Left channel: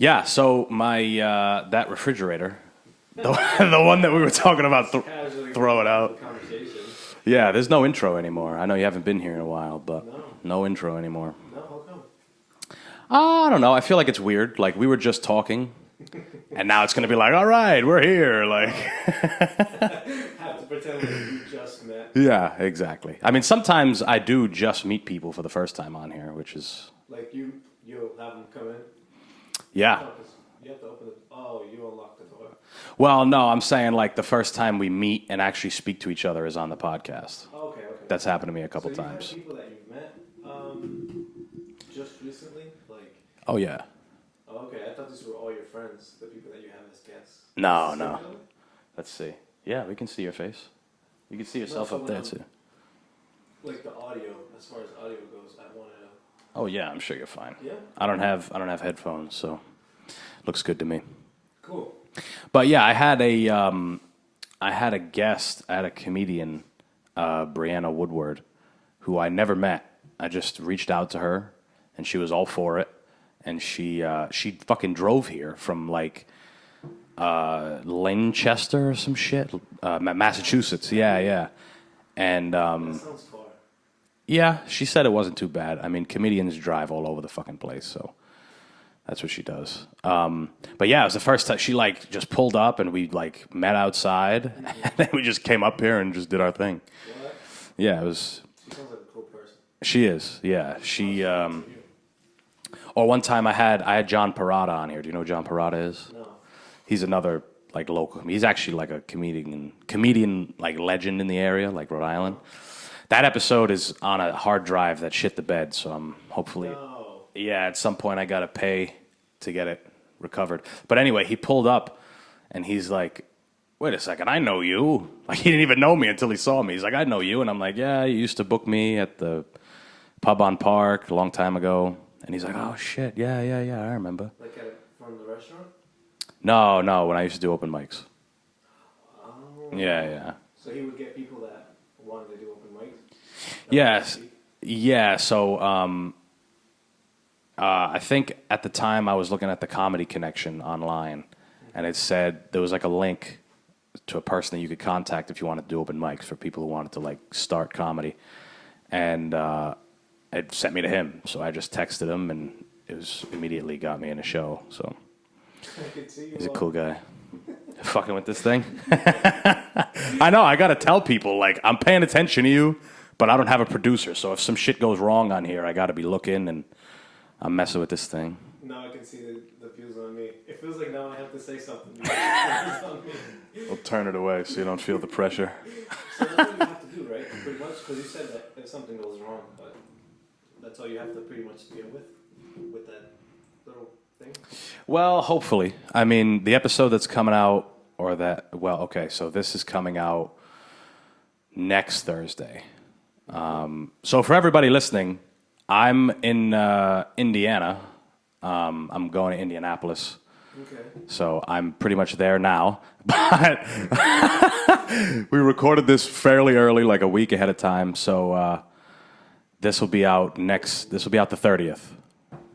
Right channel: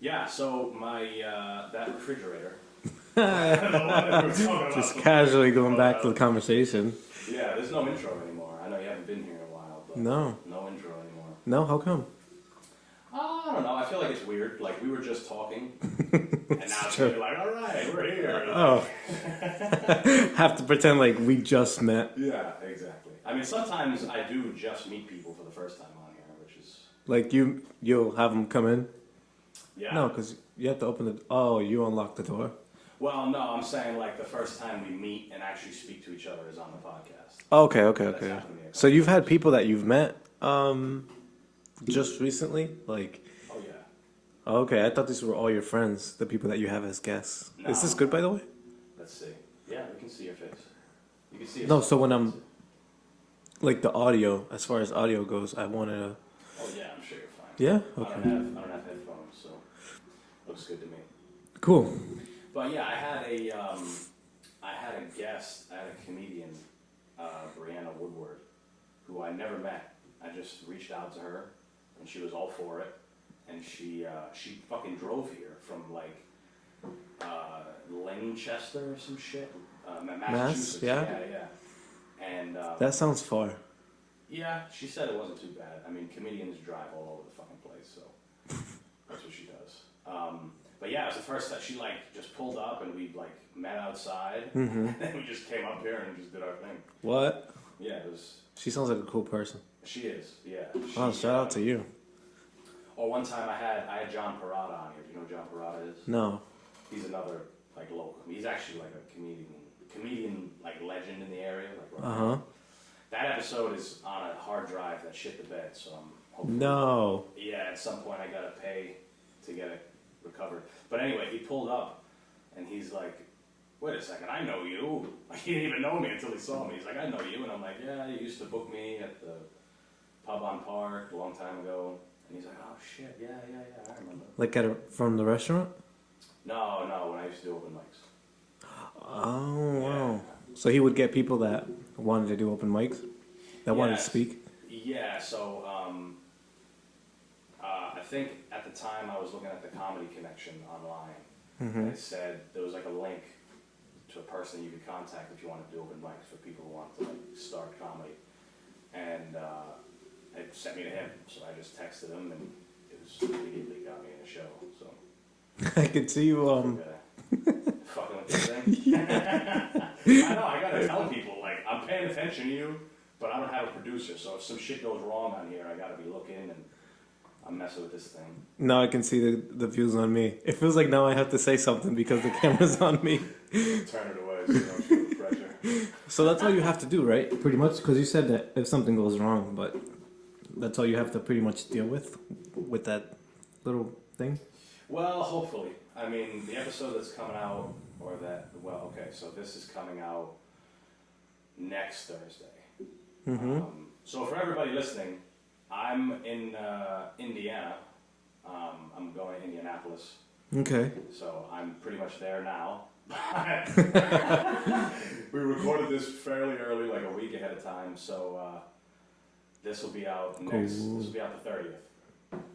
Yeah, so my that refrigerator, the one that we were talking about, Casually going throw it back to out. the conversation. Yeah, there's no intro anymore. I know you haven't been here in a while, but No. no intro anymore. No, how come? I don't know. I feel like it's weird. Like we were just talking, and now it's gonna be like, all right, we're here. Like, Have to pretend like we just met. yeah, exactly. I mean, sometimes I do just meet people for the first time on here, which is Like you'll have them come in. yeah. No, because you have to open the. Oh, you unlock the door. Well, no, I'm saying like the first time we meet and actually speak to each other is on the podcast. Okay. That's happened to me a couple So you've times. had people that you've met just recently, like. Oh yeah. Okay, I thought these were all your friends, the people that you have as guests. No, Is this good, no. by the way? Let's see. Yeah, we can see your face. You can see yourself. No, so when up I'm there, too. like the audio, as far as audio goes, I wanted to. Oh yeah, I'm sure you're fine. Yeah. I don't have headphones, so looks good to me. Cool. But yeah, I had a guest, I had a comedian, Brianna Woodward, who I never met. I just reached out to her, and she was all for it, and she fucking drove here from like Lancaster or some shit, Massachusetts. Yeah. Yeah. And That sounds far. yeah, she said it wasn't too bad. I mean, comedians drive all over the fucking place, so that's what she does. But yeah, it was the first time she like just pulled up and we like met outside, and then we just came up here and just did our thing. What? Yeah, it was. She sounds like a cool person. She is. Yeah, she. Oh, shout out to you. Or one time I had John Parada on here. Do you know who John Parada is? No. He's another like local. He's actually like a comedian like legend in the area, like Rhode Island. That episode is on a hard drive that shit the bed, so I'm hopefully. No. Yeah, at some point I gotta pay to get it recovered. But anyway, he pulled up and he's like, "Wait a second, I know you." Like he didn't even know me until he saw me. He's like, "I know you," and I'm like, "Yeah, you used to book me at the pub on Park a long time ago." And he's like, "Oh shit, yeah, I remember." Like from the restaurant? No, when I used to do open mics. Oh. Yeah. So he would get people that wanted to do open mics? That wanted Yes. to speak? Yeah, so I think at the time I was looking at the Comedy Connection online, and it said there was like a link to a person that you could contact if you wanted to do open mics for people who wanted to like start comedy, and it sent me to him. So I just texted him, and it was immediately got me in a show. So I could see you. he's a cool guy. Fucking with this thing. I know. I gotta tell people like I'm paying attention to you, but I don't have a producer. So if some shit goes wrong on here, I gotta be looking, and I'm messing with this thing. Now I can see the views on me. It feels like now I have to say something because the camera's on me. Don't turn it away so you don't feel the pressure. So that's all you have to do, right? Pretty much, because you said that if something goes wrong, but that's all you have to pretty much deal with that little thing. Well, hopefully. I mean, the episode that's coming out, so this is coming out next Thursday. So for everybody listening, I'm in Indiana. I'm going to Indianapolis. Okay. So I'm pretty much there now. But we recorded this fairly early, like a week ahead of time. So this will be out This will be out the 30th.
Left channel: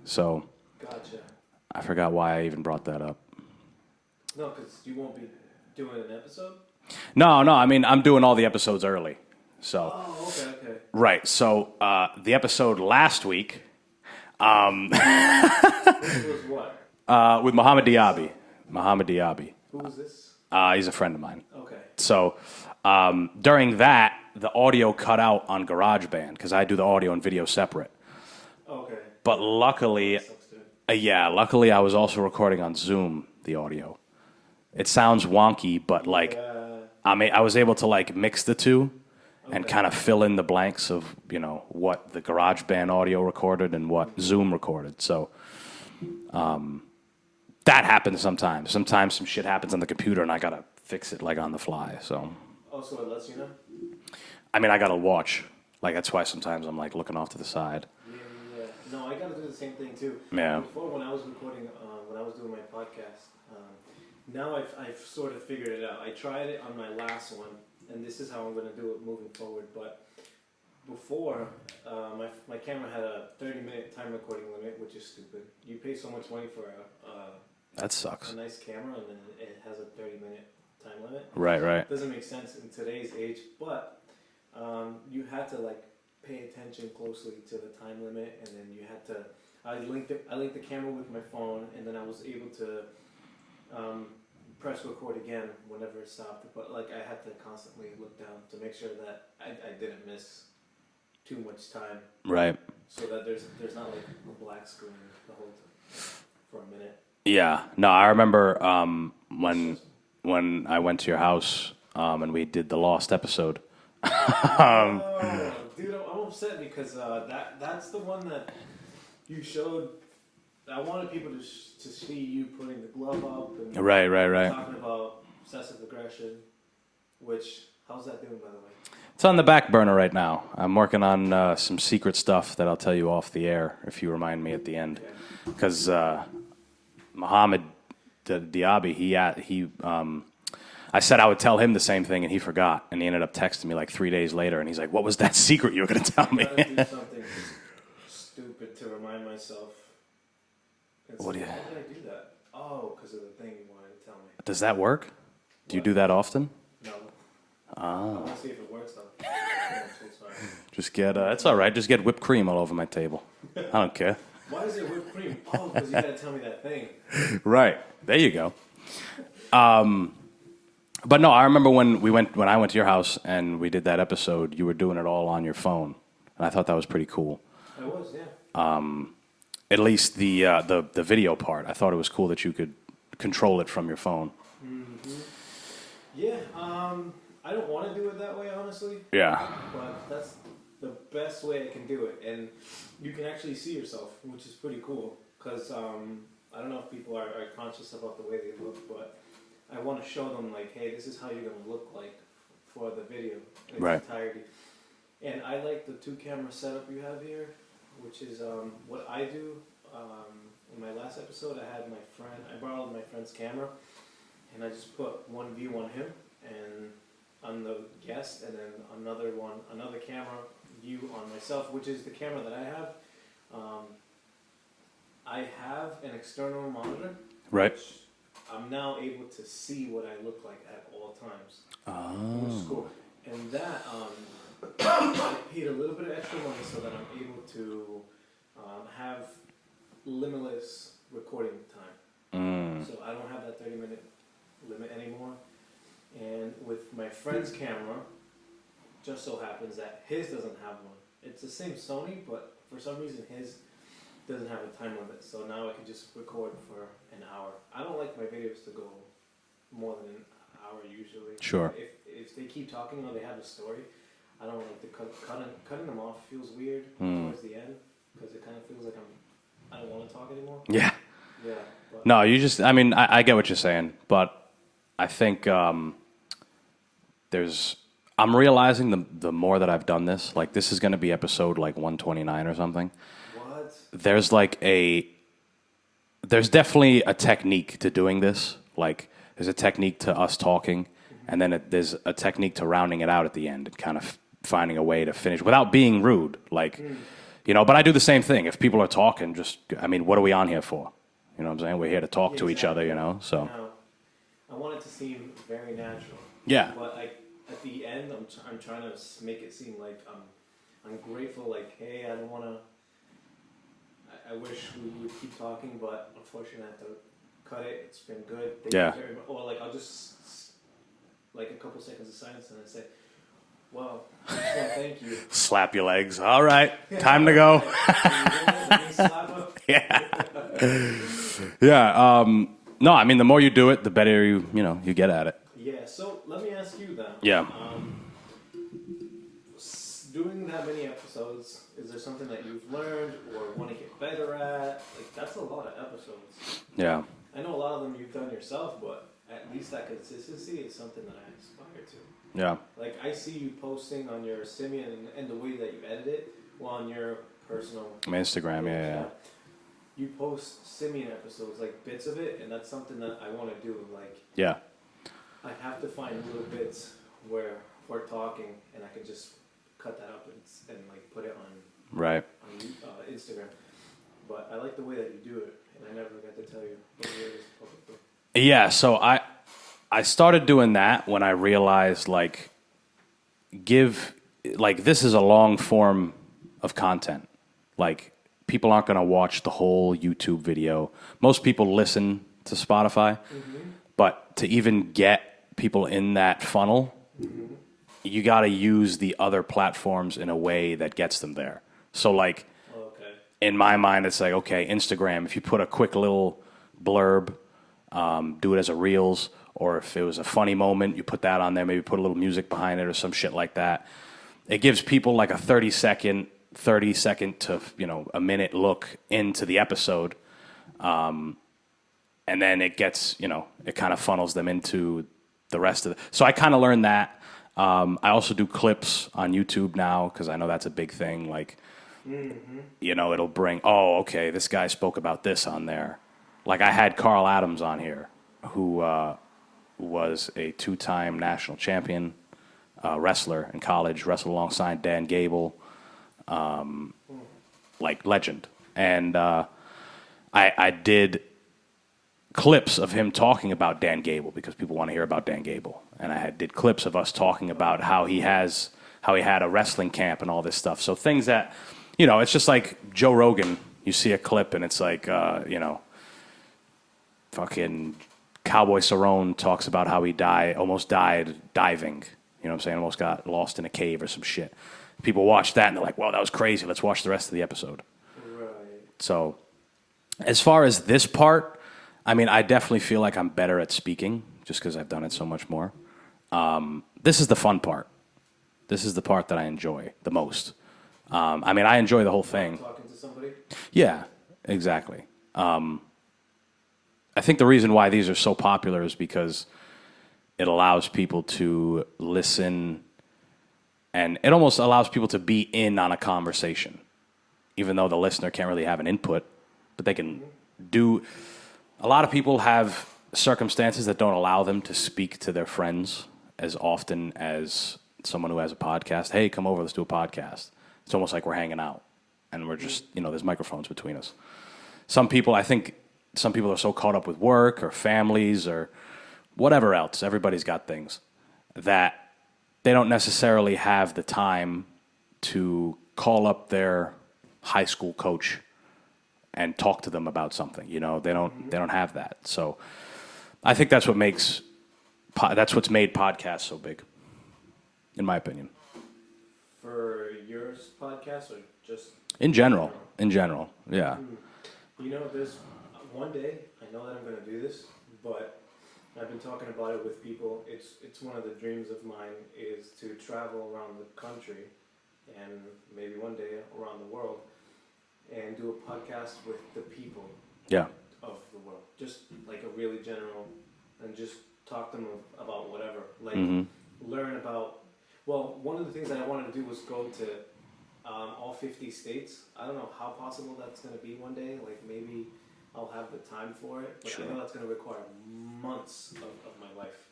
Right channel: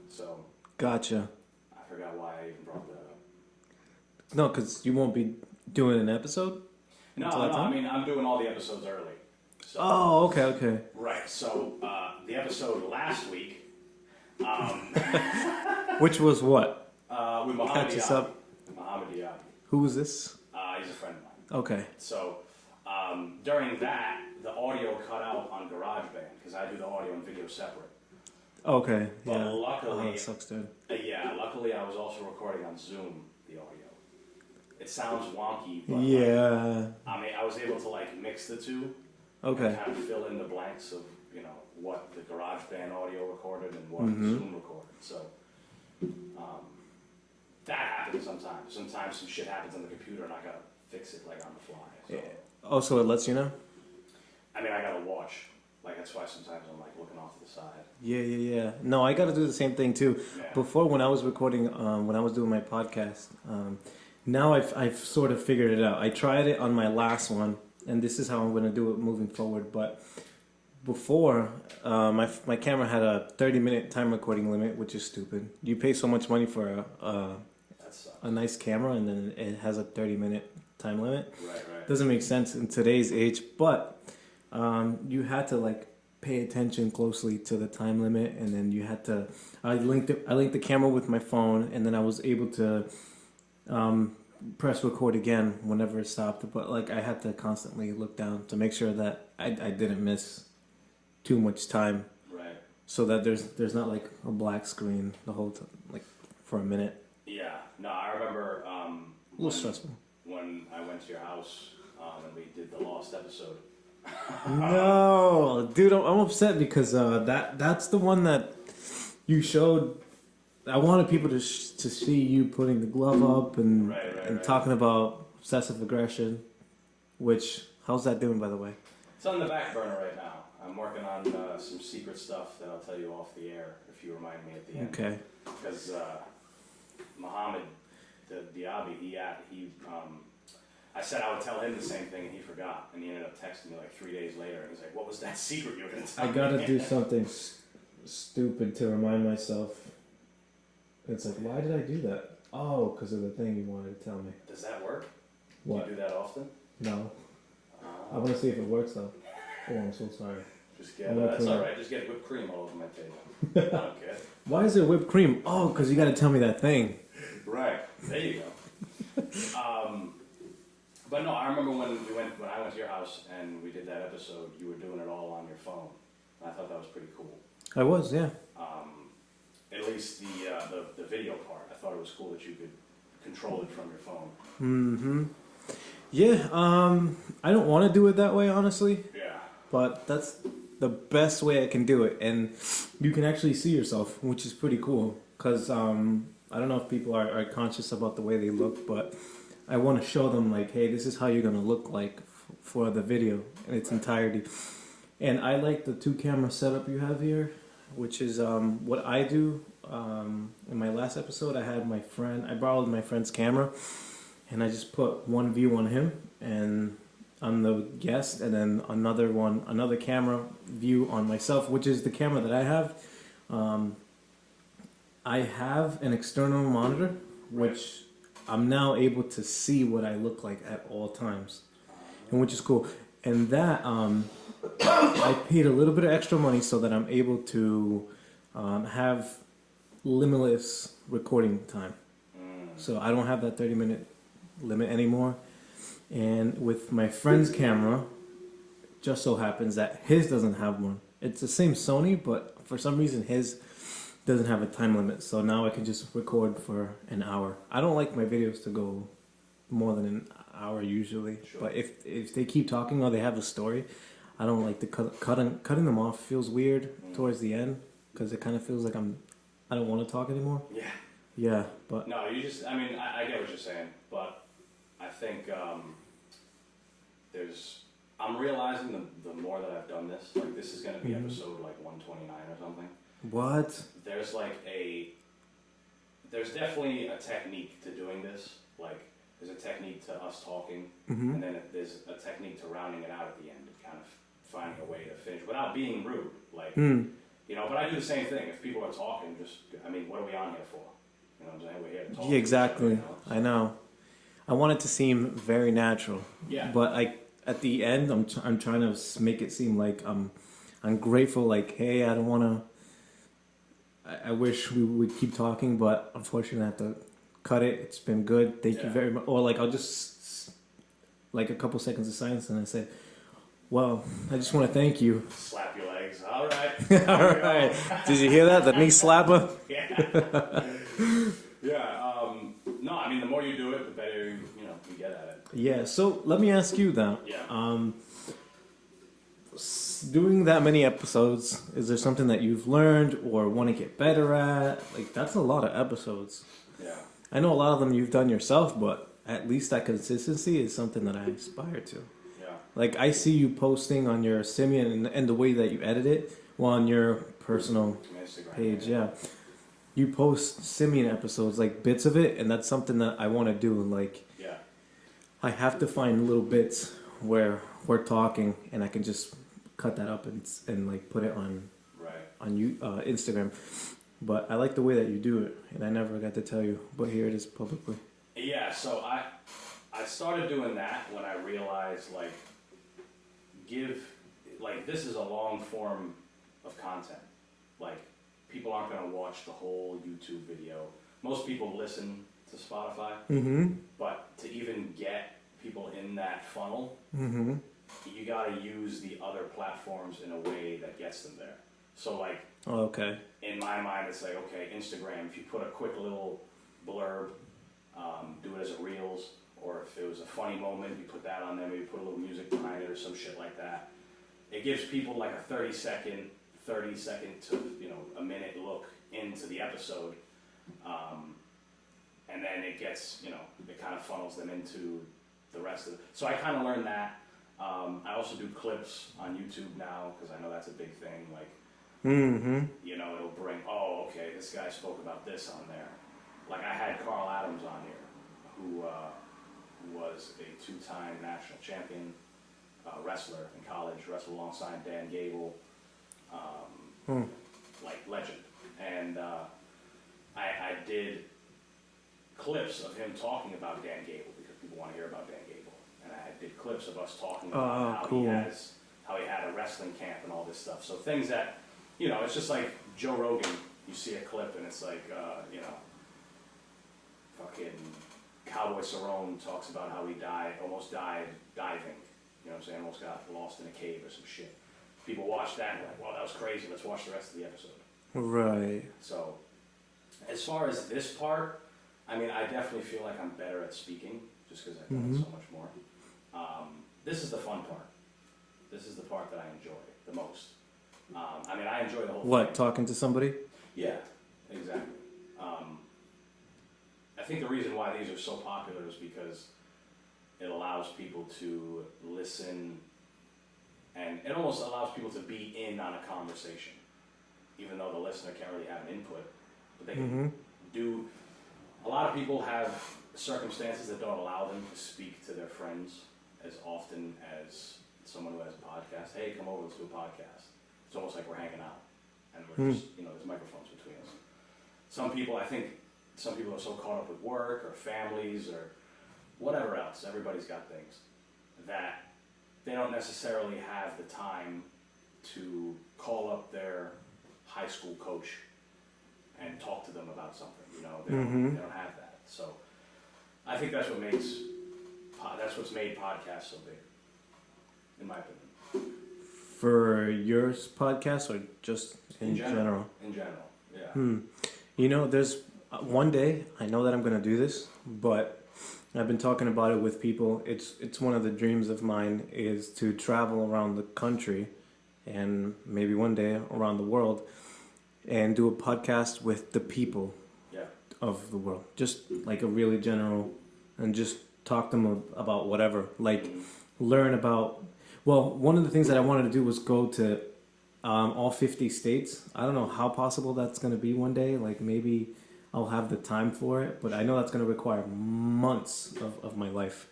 So Gotcha. I forgot why I even brought that up. No, because you won't be doing an episode? No. I mean, I'm doing all the episodes early. So Oh, okay. right. So the episode last week Which was what? with Mohammed Catch us Diaby. up. Mohammed Diaby. Who was this? He's a friend of mine. Okay. So during that, the audio cut out on GarageBand because I do the audio and video separate. Okay. But Yeah. luckily, Oh, that sucks, dude. luckily I was also recording on Zoom the audio. It sounds wonky, but like Yeah. I was able to like mix the two and Okay. kind of fill in the blanks of what the GarageBand audio recorded and what Zoom recorded. So that happens sometimes. Sometimes some shit happens on the computer and I gotta fix it like on the fly. So Oh, so it lets you know? I mean I gotta watch. Like that's why sometimes I'm like looking off to the side. Yeah. No, I got to do the same thing too. Yeah. Before, when I was recording, when I was doing my podcast, now I've sort of figured it out. I tried it on my last one, and this is how I'm going to do it moving forward. But before, my camera had a 30-minute time recording limit, which is stupid. You pay so much money for That sucks. a nice camera, and then it has a 30-minute time limit. Right. Doesn't make sense in today's age, but you had to like pay attention closely to the time limit, and then you had to. I linked the camera with my phone, and then I was able to press record again whenever it stopped. But like I had to constantly look down to make sure that I didn't miss too much time, Right. so that there's not like a black screen the whole time, like, for a minute. Yeah. No, I remember was stressful. when I went to your house and we did the Lost episode. Oh, dude, I'm upset because that's the one that you showed. I wanted people to see you putting the glove up and Right. talking about obsessive aggression. Which, how's that doing, by the way? It's on the back burner right now. I'm working on some secret stuff that I'll tell you off the air if you remind me at the end. Okay. Because Mohammed Diaby, I said I would tell him the same thing, and he forgot. And he ended up texting me like 3 days later, and he's like, "What was that secret you were going to tell me?" I gotta do something stupid to remind myself. It's What like, do you- why did I do that? Oh, because of the thing you wanted to tell me. Does that work? Do you What? do that often? No. I want to see if it works though. Oh, I'm so sorry. Just get, it's all right. Just get whipped cream all over my table. I don't care. Why is there whipped cream? Oh, because you got to tell me that thing. Right. There you go. But no, I remember when I went to your house and we did that episode, you were doing it all on your phone. And I thought that was pretty cool. I was, yeah. At least the video part. I thought it was cool that you could control it from your phone. Yeah, I don't want to do it that way, honestly, Yeah. but that's the best way I can do it, and you can actually see yourself, which is pretty cool. Because I don't know if people are conscious about the way they look, but I want to show them like, hey, this is how you're gonna look like for the video in its Right. entirety. And I like the 2-camera setup you have here, which is what I do. In my last episode, I borrowed my friend's camera, and I just put one view on him and on the guest, and then another camera view on myself, which is the camera that I have. I have an external monitor, Right. which I'm now able to see what I look like at all times, which is cool. And that I paid a little bit of extra money so that I'm able to have limitless recording time. So I don't have that 30-minute limit anymore. And with my friend's camera, just so happens that his doesn't have one. It's the same Sony, but for some reason his doesn't have a time limit. So now I can just record for an hour. I don't like my videos to go more than an hour usually. Sure. But if they keep talking or they have a story, I don't like to cutting them off feels weird towards the end, because it kind of feels like I don't want to talk anymore. Yeah. Yeah, but No, I get what you're saying, but I think I'm realizing the more that I've done this, like this is going to be episode like 129 or something. what? There's definitely a technique to doing this. Like there's a technique to us talking, and then there's a technique to rounding it out at the end and kind of finding a way to finish without being rude. Like, but I do the same thing. If people are talking, what are we on here for? You know what I'm saying? We're here to talk to each other, So I know. I want it to seem very natural. Yeah. But at the end, I'm trying to make it seem like I'm grateful. Like, hey, I don't want to. I wish we would keep talking, but unfortunately, I have to cut it. It's been good. Thank you very much. Or like I'll just like a couple seconds of silence, and I say, "Well, I just want to thank you." slap your legs. All right, time to go. Did you hear that? The knee slapper. Yeah. No, I mean the more you do it, the better you get at it. Yeah. So let me ask you then. Yeah. Doing that many episodes, is there something that you've learned or want to get better at? Like, that's a lot of episodes. Yeah. I know a lot of them you've done yourself, but at least that consistency is something that I aspire to. Yeah. Like, I see you posting on your Simian and the way that you edit it, on your personal My Instagram. page. Yeah. You post Simian episodes, like bits of it, and that's something that I want to do. And like, Yeah. I have to find little bits where we're talking and I can just cut that up and like put it on Right. Instagram. But I like the way that you do it, and I never got to tell you, but here it is publicly. Yeah, so I started doing that when I realized like this is a long form of content. Like people aren't going to watch the whole YouTube video. Most people listen to Spotify, but to even get people in that funnel, you got to use the other platforms in a way that gets them there. So like, Okay. in my mind, it's like, okay, Instagram, if you put a quick little blurb, do it as a Reels, or if it was a funny moment, you put that on there, maybe put a little music behind it or some shit like that. It gives people like a 30 second to, a minute look into the episode. And then it gets, it kind of funnels them into the rest of it. So I kind of learned that. I also do clips on YouTube now because I know that's a big thing. Like, it'll bring, oh, okay, this guy spoke about this on there. Like I had Raf Adames on here, who was a 2-time national champion wrestler in college, wrestled alongside Dan Gable, like legend. And I did clips of him talking about Dan Gable because people want to hear about Dan Gable. And I did clips of us talking about how he had a wrestling camp and all this stuff. So things that, it's just like Joe Rogan. You see a clip and it's like, fucking Cowboy Cerrone talks about how he almost died diving. You know what I'm saying? Almost got lost in a cave or some shit. People watch that and they're like, well, that was crazy. Let's watch the rest of the episode. Right. So as far as this part, I mean, I definitely feel like I'm better at speaking just because I've done it so much more. This is the fun part. This is the part that I enjoy the most. I mean, I enjoy the whole thing. Talking to somebody? Yeah, exactly. I think the reason why these are so popular is because it allows people to listen, and it almost allows people to be in on a conversation, even though the listener can't really have an input, but they can do. A lot of people have circumstances that don't allow them to speak to their friends as often as someone who has a podcast. Hey, come over, let's do a podcast. It's almost like we're hanging out, and we're just, there's microphones between us. I think some people are so caught up with work or families or whatever else. Everybody's got things that they don't necessarily have the time to call up their high school coach and talk to them about something. They don't have that. So I think that's what's made podcasts so big, in my opinion. For your podcast or just in general? In general, yeah. There's one day I know that I'm going to do this, but I've been talking about it with people. It's one of the dreams of mine is to travel around the country and maybe one day around the world and do a podcast with the people of the world. Just like a really general, and just talk to them about whatever. Like learn about, one of the things that I wanted to do was go to all 50 states. I don't know how possible that's going to be one day. Like maybe I'll have the time for it, but I know that's going to require months of my life.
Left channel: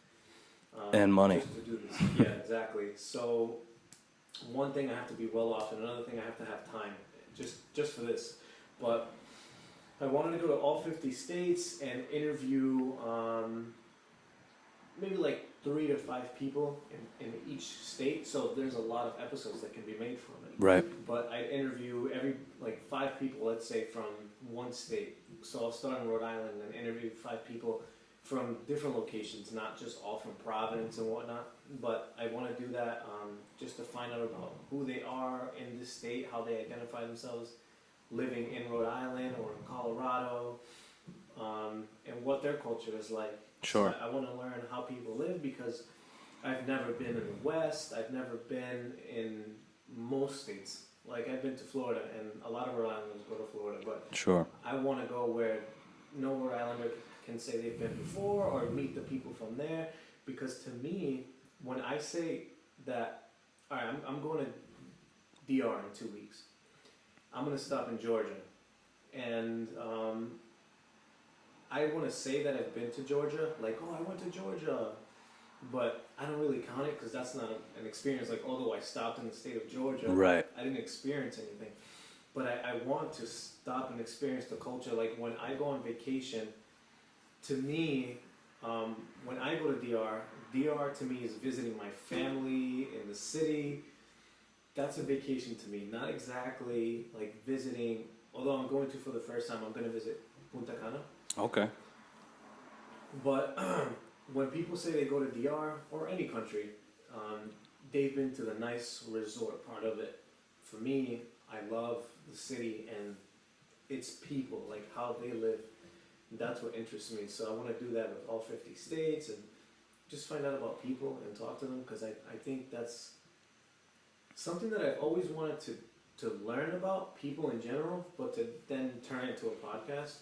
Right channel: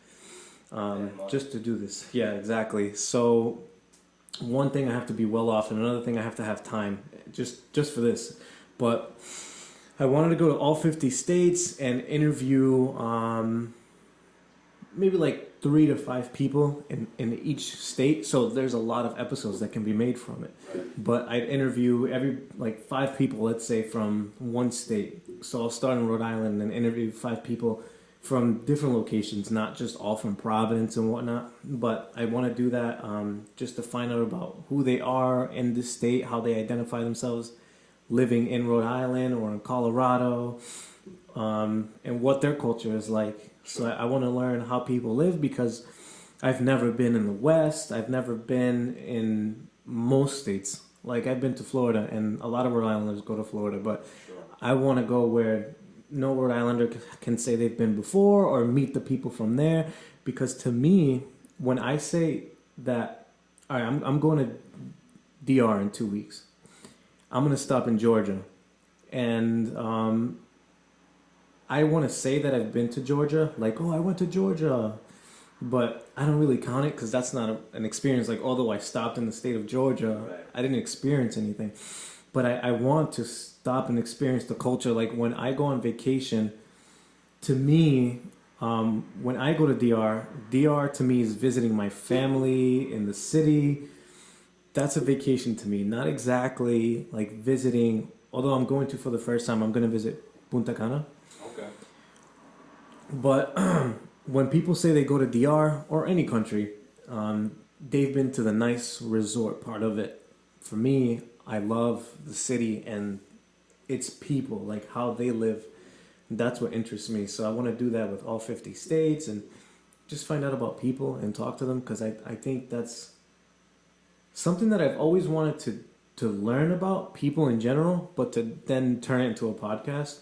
And money. Just to do this. Yeah, exactly. So one thing I have to be well off, and another thing I have to have time just for this. But I wanted to go to all 50 states and interview maybe like 3 to 5 people in each state. So there's a lot of episodes that can be made from it. Right. But I'd interview 5 people, let's say, from one state. So I'll start in Rhode Island and interview 5 people from different locations, not just all from Providence and whatnot. But I want to do that just to find out about who they are in this state, how they identify themselves living in Rhode Island or in Colorado, and what their culture is like. Sure. So I want to learn how people live because I've never been in the West. I've never been in most states. Like I've been to Florida, and a lot of Rhode Islanders go to Florida, but sure. I want to go where no Rhode Islander can say they've been before or meet the people from there. Because to me, when I say that, all right, I'm going to DR in 2 weeks. I'm going to stop in Georgia. And I want to say that I've been to Georgia. Like, oh, I went to Georgia. but I don't really count it because that's not an experience. Like, although I stopped in the state of Georgia, Right. I didn't experience anything. But I want to stop and experience the culture. Like, when I go on vacation, to me, when I go to DR to me is visiting my family in the city. That's a vacation to me. Not exactly like visiting, although I'm going to for the first time, I'm going to visit Punta Cana. Okay. But when people say they go to DR or any country, they've been to the nice resort part of it. For me, I love the city and its people, like how they live. That's what interests me. So I want to do that with all 50 states and just find out about people and talk to them, because I think that's something that I've always wanted to learn about people in general, but to then turn it into a podcast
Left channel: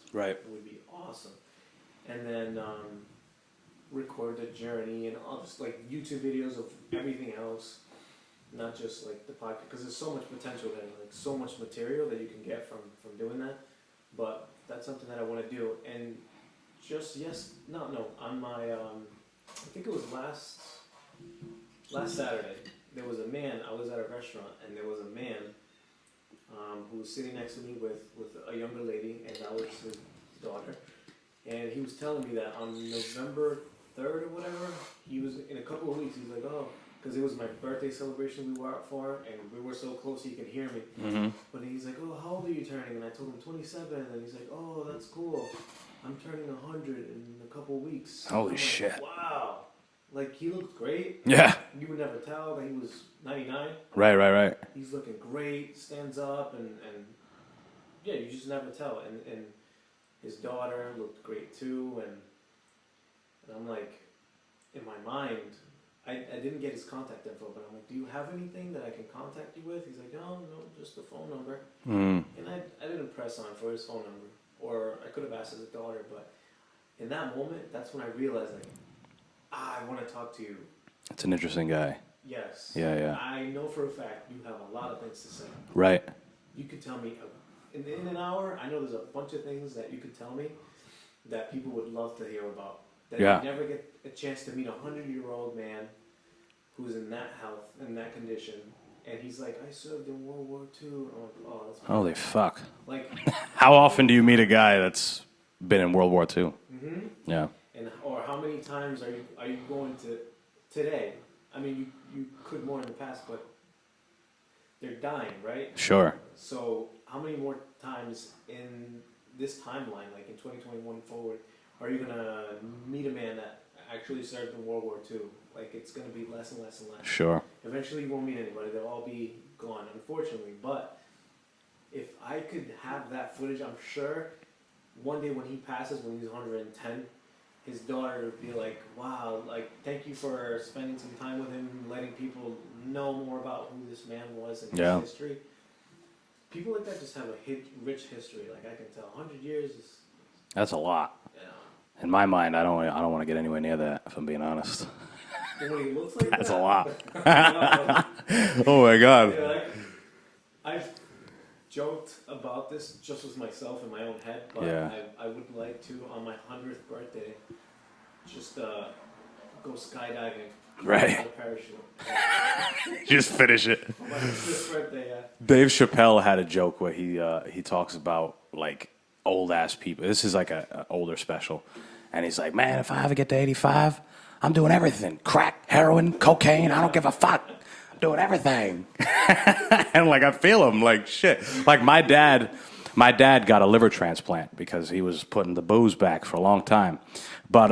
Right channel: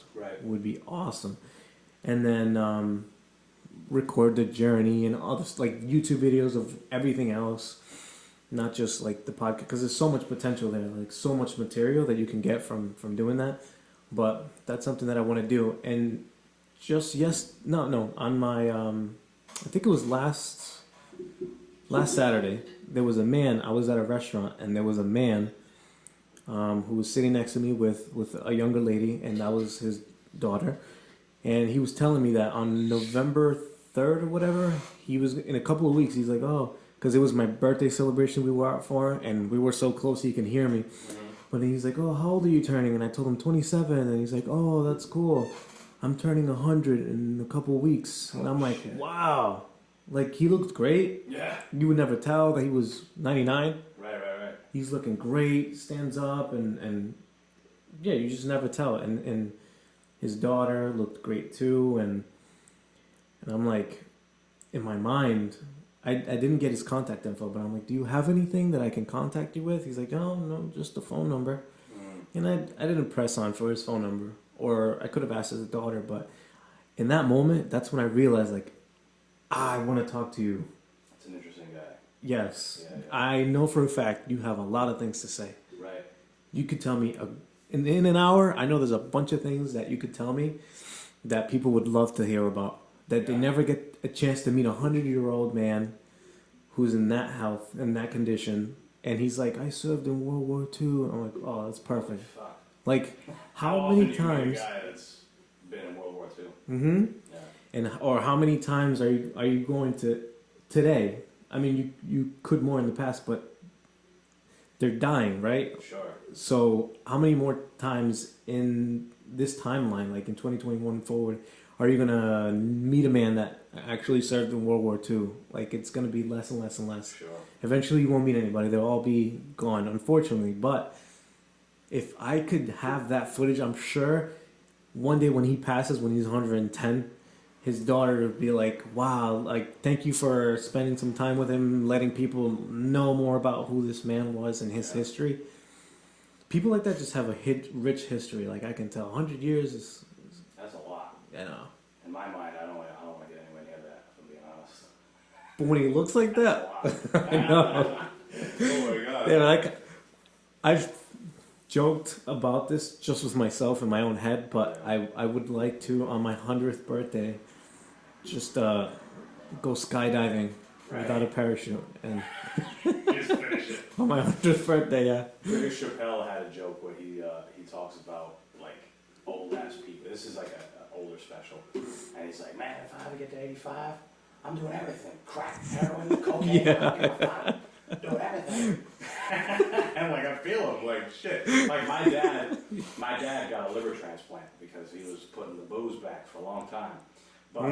would be awesome. And then record the journey and all this, like YouTube videos of everything else, not just like the podcast, because there's so much potential there, like so much material that you can get from doing that. But that's something that I want to do. And just on my I think it was last Saturday, there was a man. I was at a restaurant and there was a man who was sitting next to me with a younger lady, and that was his daughter. And he was telling me that on November 3rd or whatever, he was in a couple of weeks. He's like, oh, because it was my birthday celebration we were out for, and we were so close he can hear me. Mm-hmm. But then he's like, oh, how old are you turning? And I told him 27, and he's like, oh, that's cool. I'm turning 100 in a couple of weeks. Holy and I'm like, shit. Wow. Like, he looked great. Yeah. You would never tell that he was 99. Right. He's looking great, stands up, and yeah, you just never tell. And his daughter looked great too, and I'm like, in my mind, I didn't get his contact info, but I'm like, do you have anything that I can contact you with? He's like, oh, no, just the phone number. And I didn't press on for his phone number, or I could have asked his daughter, but in that moment, that's when I realized, like, I want to talk to you. That's an interesting guy. Yes. Yeah. I know for a fact you have a lot of things to say. Right. You could tell me, in an hour, I know there's a bunch of things that you could tell me that people would love to hear about. That they never get a chance to meet a 100-year-old man who's in that health, in that condition. And he's like, I served in World War II. And I'm like, oh, that's perfect. Holy fuck. Like, how often do you meet a guy that's been in World War II? Mm-hmm. Yeah. Or how many times are you going to today? I mean, you could more in the past, but they're dying, right? Sure. So how many more times in this timeline, like in 2021 forward, are you gonna meet a man that actually served in World War II? Like, it's gonna be less and less and less. Sure. Eventually, you won't meet anybody. They'll all be gone, unfortunately. But if I could have that footage, I'm sure one day when he passes, when he's 110, his daughter would be like, wow, like, thank you for spending some time with him, letting people know more about who this man was and his history. People like that just have a rich history. Like, I can tell 100 years is... That's a lot. You know. In my mind, I don't want to get anywhere near that, if I'm being honest. But when he looks like That's that... a lot. Oh, my God. Yeah, like, I've joked about this just with myself in my own head, but I would like to, on my 100th birthday, just go skydiving without a parachute. And just finish it. on my 100th birthday, yeah. Dave Chappelle had a joke where he talks about, like, old ass people. This is like a older special, and he's like, man, if I ever get to 85, I'm doing everything: crack, heroin, cocaine. I don't give a fuck. I'm doing everything. And like, I feel him, like, shit. Like, my dad got a liver transplant because he was putting the booze back for a long time, but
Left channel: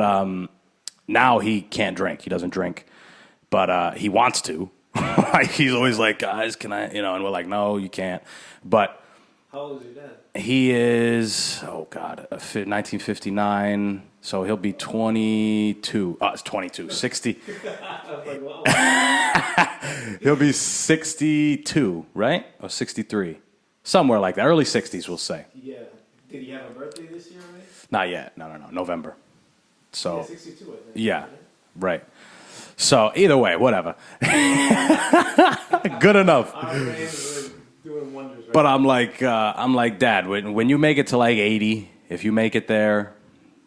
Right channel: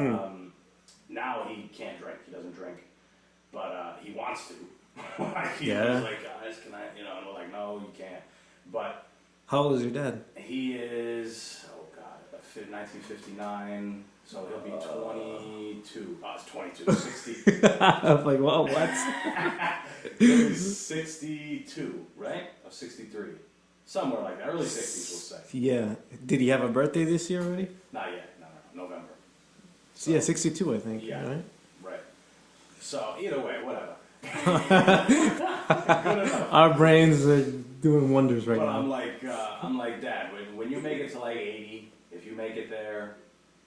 now he can't drink. He doesn't drink, but he wants to. Like, he's always like, guys, can I? And we're like, no, you can't. But how old is your dad? he is, 1959, so he'll be 22. Oh, it's 22, 60. I was like, wow. He'll be 62, right? Or 63. Somewhere like that. Early 60s, we'll say. Yeah. Did he have a birthday this year already? Not yet. No. November. So, yeah, 62, I think. Yeah, right. So, either way, whatever. Good enough. Our brains are doing wonders right now. But I'm like, Dad, when you make it to like 80, if you make it there,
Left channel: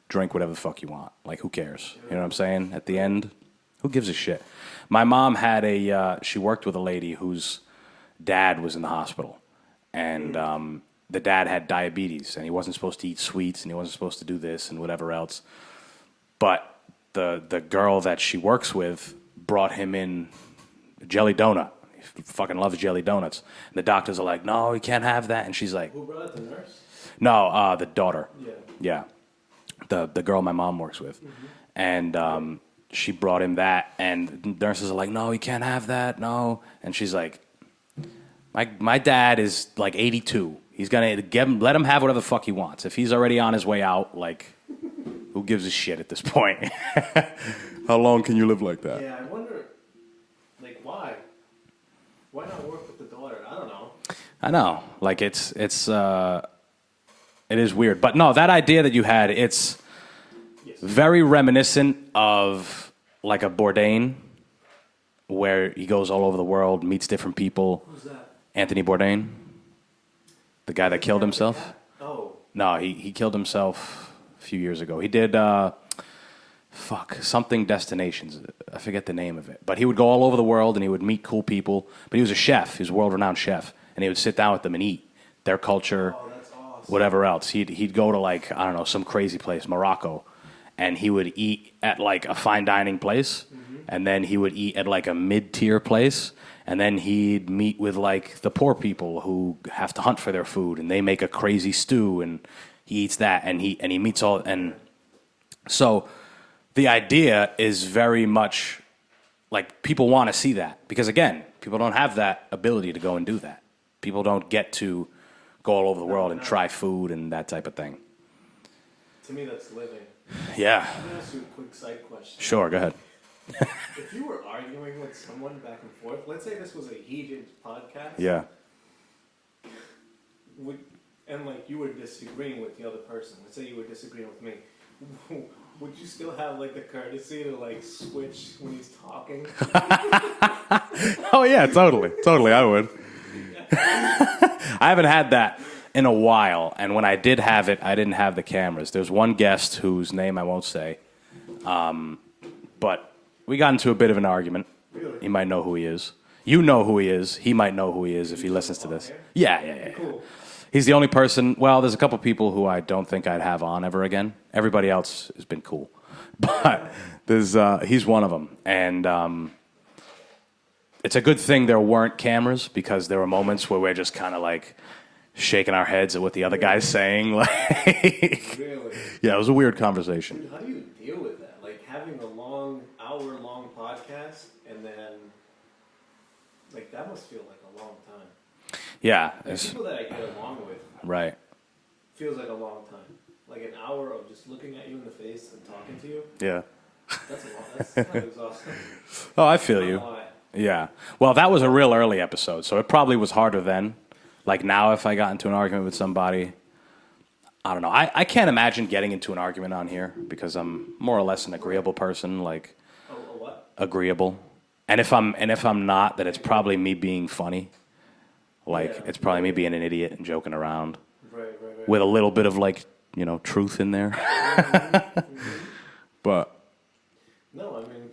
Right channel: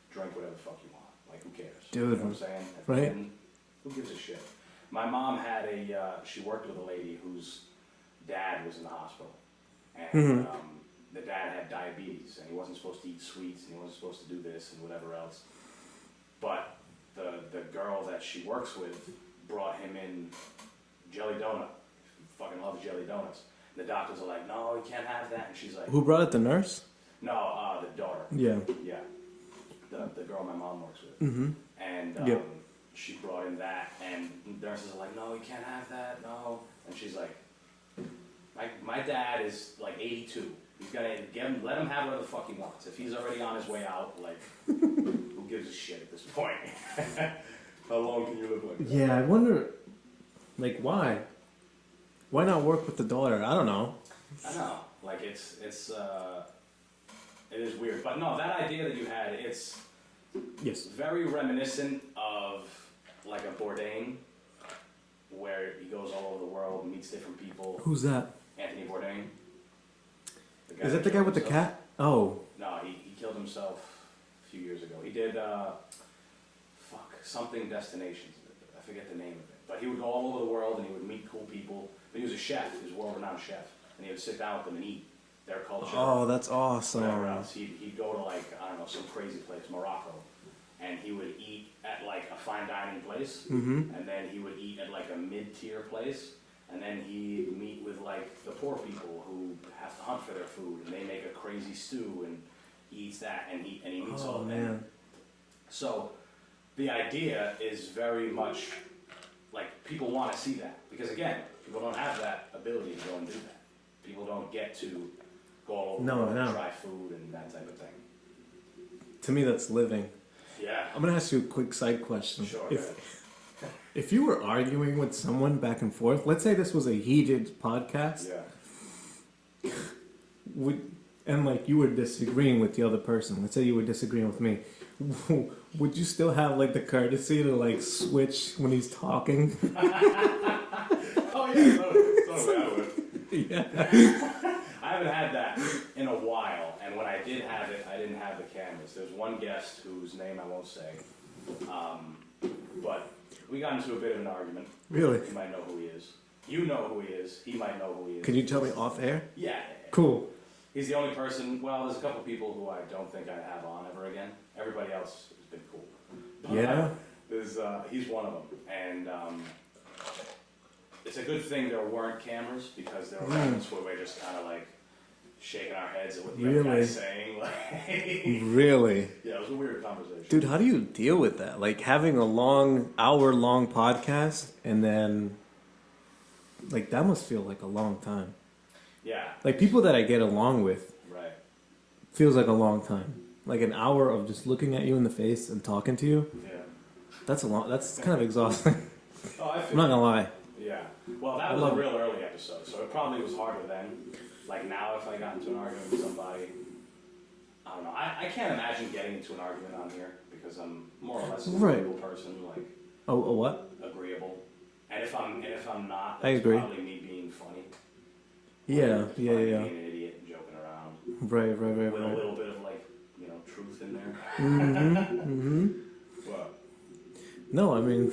drink whatever the fuck you want. Like, who cares? Dude, you know what I'm saying? At the end. Who gives a shit? My mom had she worked with a lady whose dad was in the hospital. And the dad had diabetes, and he wasn't supposed to eat sweets, and he wasn't supposed to do this and whatever else. But the girl that she works with brought him in a jelly donut. He fucking loves jelly donuts. And the doctors are like, no, you can't have that. And she's like... Who brought it, the nurse? No, the daughter. Yeah. Yeah. The girl my mom works with. And she brought him that, and nurses are like, no, you can't have that, no. And she's like, my dad is like 82. He's gonna let him have whatever the fuck he wants. If he's already on his way out, like, who gives a shit at this point? How long can you live like that? Yeah, I wonder, like, why? Why not work with the daughter? I don't know. I know, like it is weird, but no, that idea that you had, it's very reminiscent of like a Bourdain, where he goes all over the world, meets different people. Who's that? Anthony Bourdain, the guy that killed himself. Oh. No, he killed himself a few years ago. He did something destinations. I forget the name of it. But he would go all over the world and he would meet cool people. But he was a chef. He was a world-renowned chef, and he would sit down with them and eat their culture. Oh, that's awesome. Whatever else. He'd go to like, I don't know, some crazy place, Morocco, and he would eat at like a fine dining place, and then he would eat at like a mid-tier place. And then he'd meet with like the poor people who have to hunt for their food, and they make a crazy stew, and he eats that, and he meets all. And so the idea is very much like people want to see that, because again, people don't have that ability to go and do that. People don't get to go all over the world and try food and that type of thing. To me, that's living. Yeah. I'm gonna ask you a quick side question. Sure, go ahead. If you were arguing with someone back and forth, let's say this was a heated podcast. Yeah. And like you were disagreeing with the other person. Let's say you were disagreeing with me. Would you still have like the courtesy to like switch when he's talking? Oh yeah, totally, I would. Yeah. I haven't had that in a while, and when I did have it, I didn't have the cameras. There's one guest whose name I won't say, but we got into a bit of an argument. Really? He might know who he is. You know who he is. He might know who he is. Can if you he tell listens me to off this. air? Yeah. Cool. He's the only person. Well, there's a couple people who I don't think I'd have on ever again. Everybody else has been cool, but there's he's one of them, and it's a good thing there weren't cameras, because there were moments where we're just kind of like shaking our heads at what the other guy's saying. Like, really? Yeah, it was a weird conversation. Dude, how do you deal with that? Like having a hour-long podcast, and then like that must feel like a long time. Yeah. Like people that I get along with. Right. Feels like a long time. Like an hour of just looking at you in the face and talking to you. Yeah. That's kind of exhausting. Oh, I feel I'm you. not gonna lie. Yeah. Well, that was a real early episode, so it probably was harder then. Like now, if I got into an argument with somebody, I don't know. I can't imagine getting into an argument on here, because I'm more or less an agreeable person. Like, a what? Agreeable. And if I'm not, then I it's agree. probably me being funny. Like, Yeah, it's probably me yeah. being an idiot and joking around Right. with a little bit of like, truth in there. But No, I mean,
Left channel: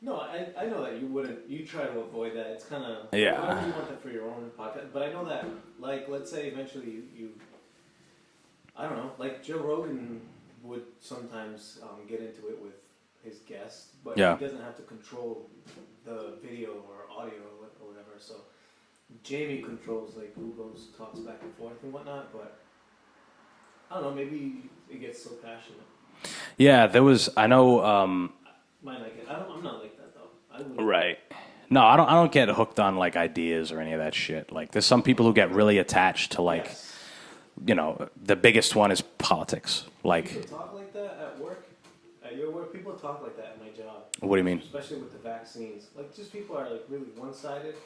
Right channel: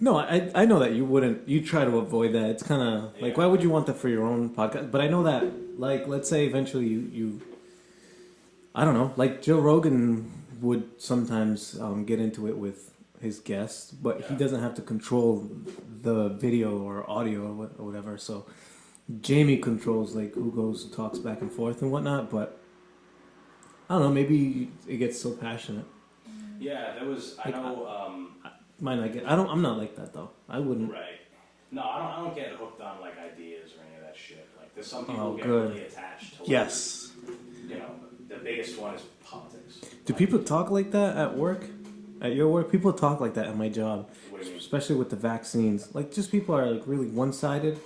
no, I know that you wouldn't. You try to avoid that. It's kind of like, why would you want that for your own podcast? But I know that, like, let's say eventually you I don't know, like Joe Rogan would sometimes get into it with his guests, but he doesn't have to control the video or audio or whatever. So Jamie controls like who goes talks back and forth and whatnot. But I don't know, maybe it gets so passionate. yeah, there was. I know. Might not get. I'm not like that though. I wouldn't. Right. No, I don't get hooked on like ideas or any of that shit. Like, there's some people who get really attached to like, the biggest one is politics. Do like, people talk like that at work? At your work, people talk like that at my job. What do you mean? Especially with the vaccines. Like, just people are like really one-sided.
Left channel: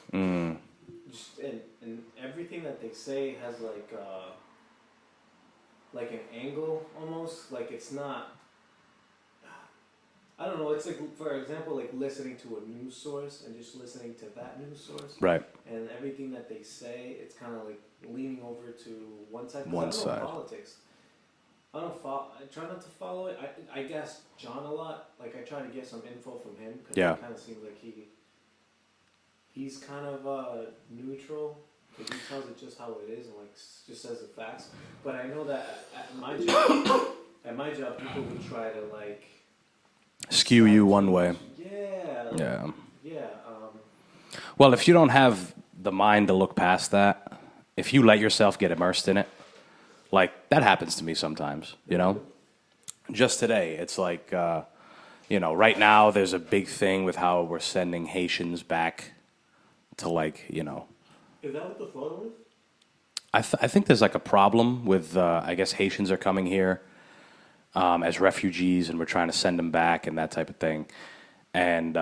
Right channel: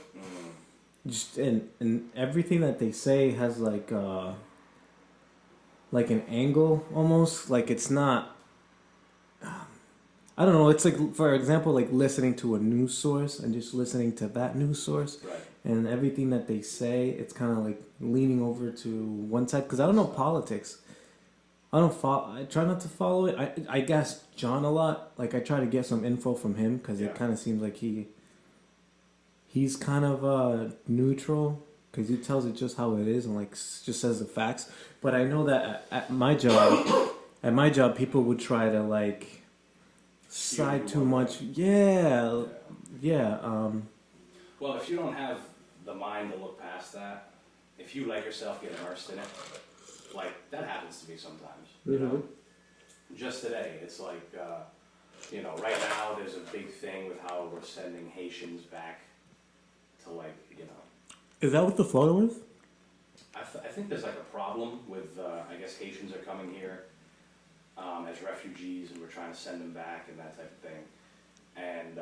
Just and everything that they say has like an angle almost. Like, it's not. I don't know. It's like, for example, like listening to a news source and just listening to that news source. Right. And everything that they say, it's kind of like leaning over to one side. Because I don't know politics. I don't follow. I try not to follow it. I guess John a lot. Like I try to get some info from him because Yeah. it kind of seems like he's kind of neutral because he tells it just how it is and like just says the facts. But I know that at my job, people would try to like Skew side you too one way. much. Yeah. Yeah. Yeah. Well, if you don't have the mind to look past that, if you let yourself get immersed in it, like that happens to me sometimes, you know? Just today, it's like, right now there's a big thing with how we're sending Haitians back to like, Is that what the photo is? I think there's like a problem with, I guess Haitians are coming here as refugees and we're trying to send them back and that type of thing. And,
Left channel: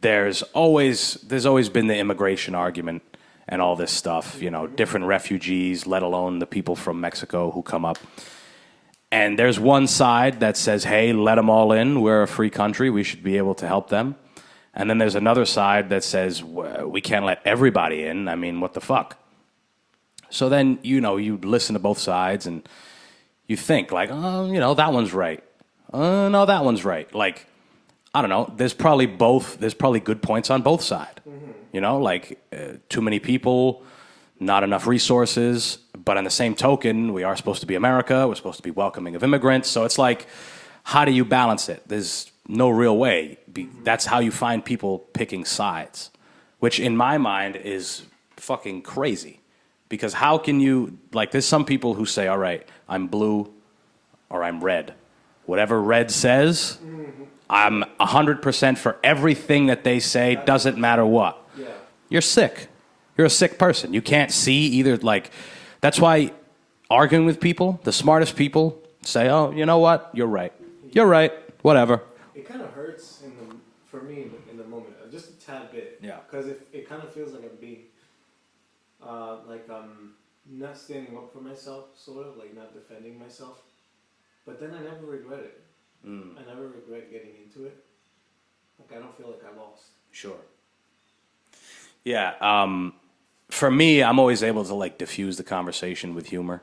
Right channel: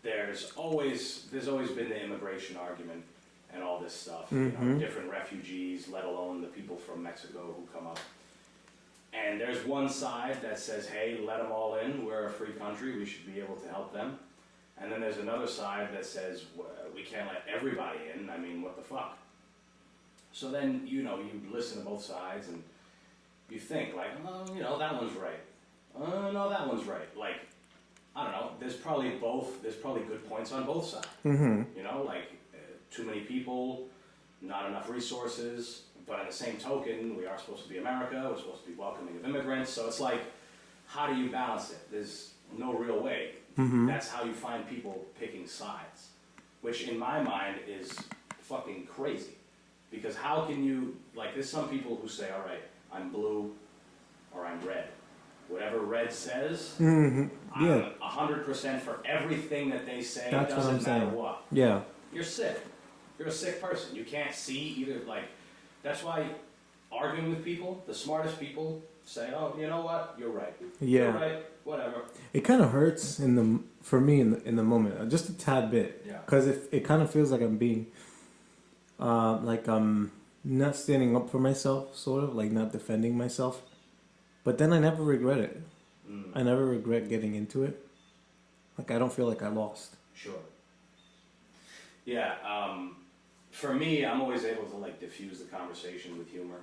there's always been the immigration argument and all this stuff, different refugees, let alone the people from Mexico who come up. And there's one side that says, hey, let them all in. We're a free country. We should be able to help them. And then there's another side that says, we can't let everybody in. I mean, what the fuck? So then, you listen to both sides and you think like, oh, that one's right. No, that one's right. Like, I don't know. There's probably good points on both sides. Mm-hmm. Too many people, not enough resources. But on the same token, we are supposed to be America. We're supposed to be welcoming of immigrants. So it's like, how do you balance it? There's no real way. Mm-hmm. That's how you find people picking sides, which in my mind is fucking crazy. Because how can you, there's some people who say, all right, I'm blue or I'm red. Whatever red says, mm-hmm. I'm 100% for everything that they say. That's doesn't matter what. Yeah. You're sick. You're a sick person. You can't see either. That's why arguing with people, the smartest people, say, oh, you know what? You're right. Yeah. You're right. Whatever. It kind of hurts for me in the moment, just a tad bit. Yeah. Because it kind of feels like I'm being, I'm not standing up for myself, sort of, like not defending myself. But then I never regret it. I never regret getting into it. I don't feel like I lost. Sure. Yeah. For me, I'm always able to diffuse the conversation with humor.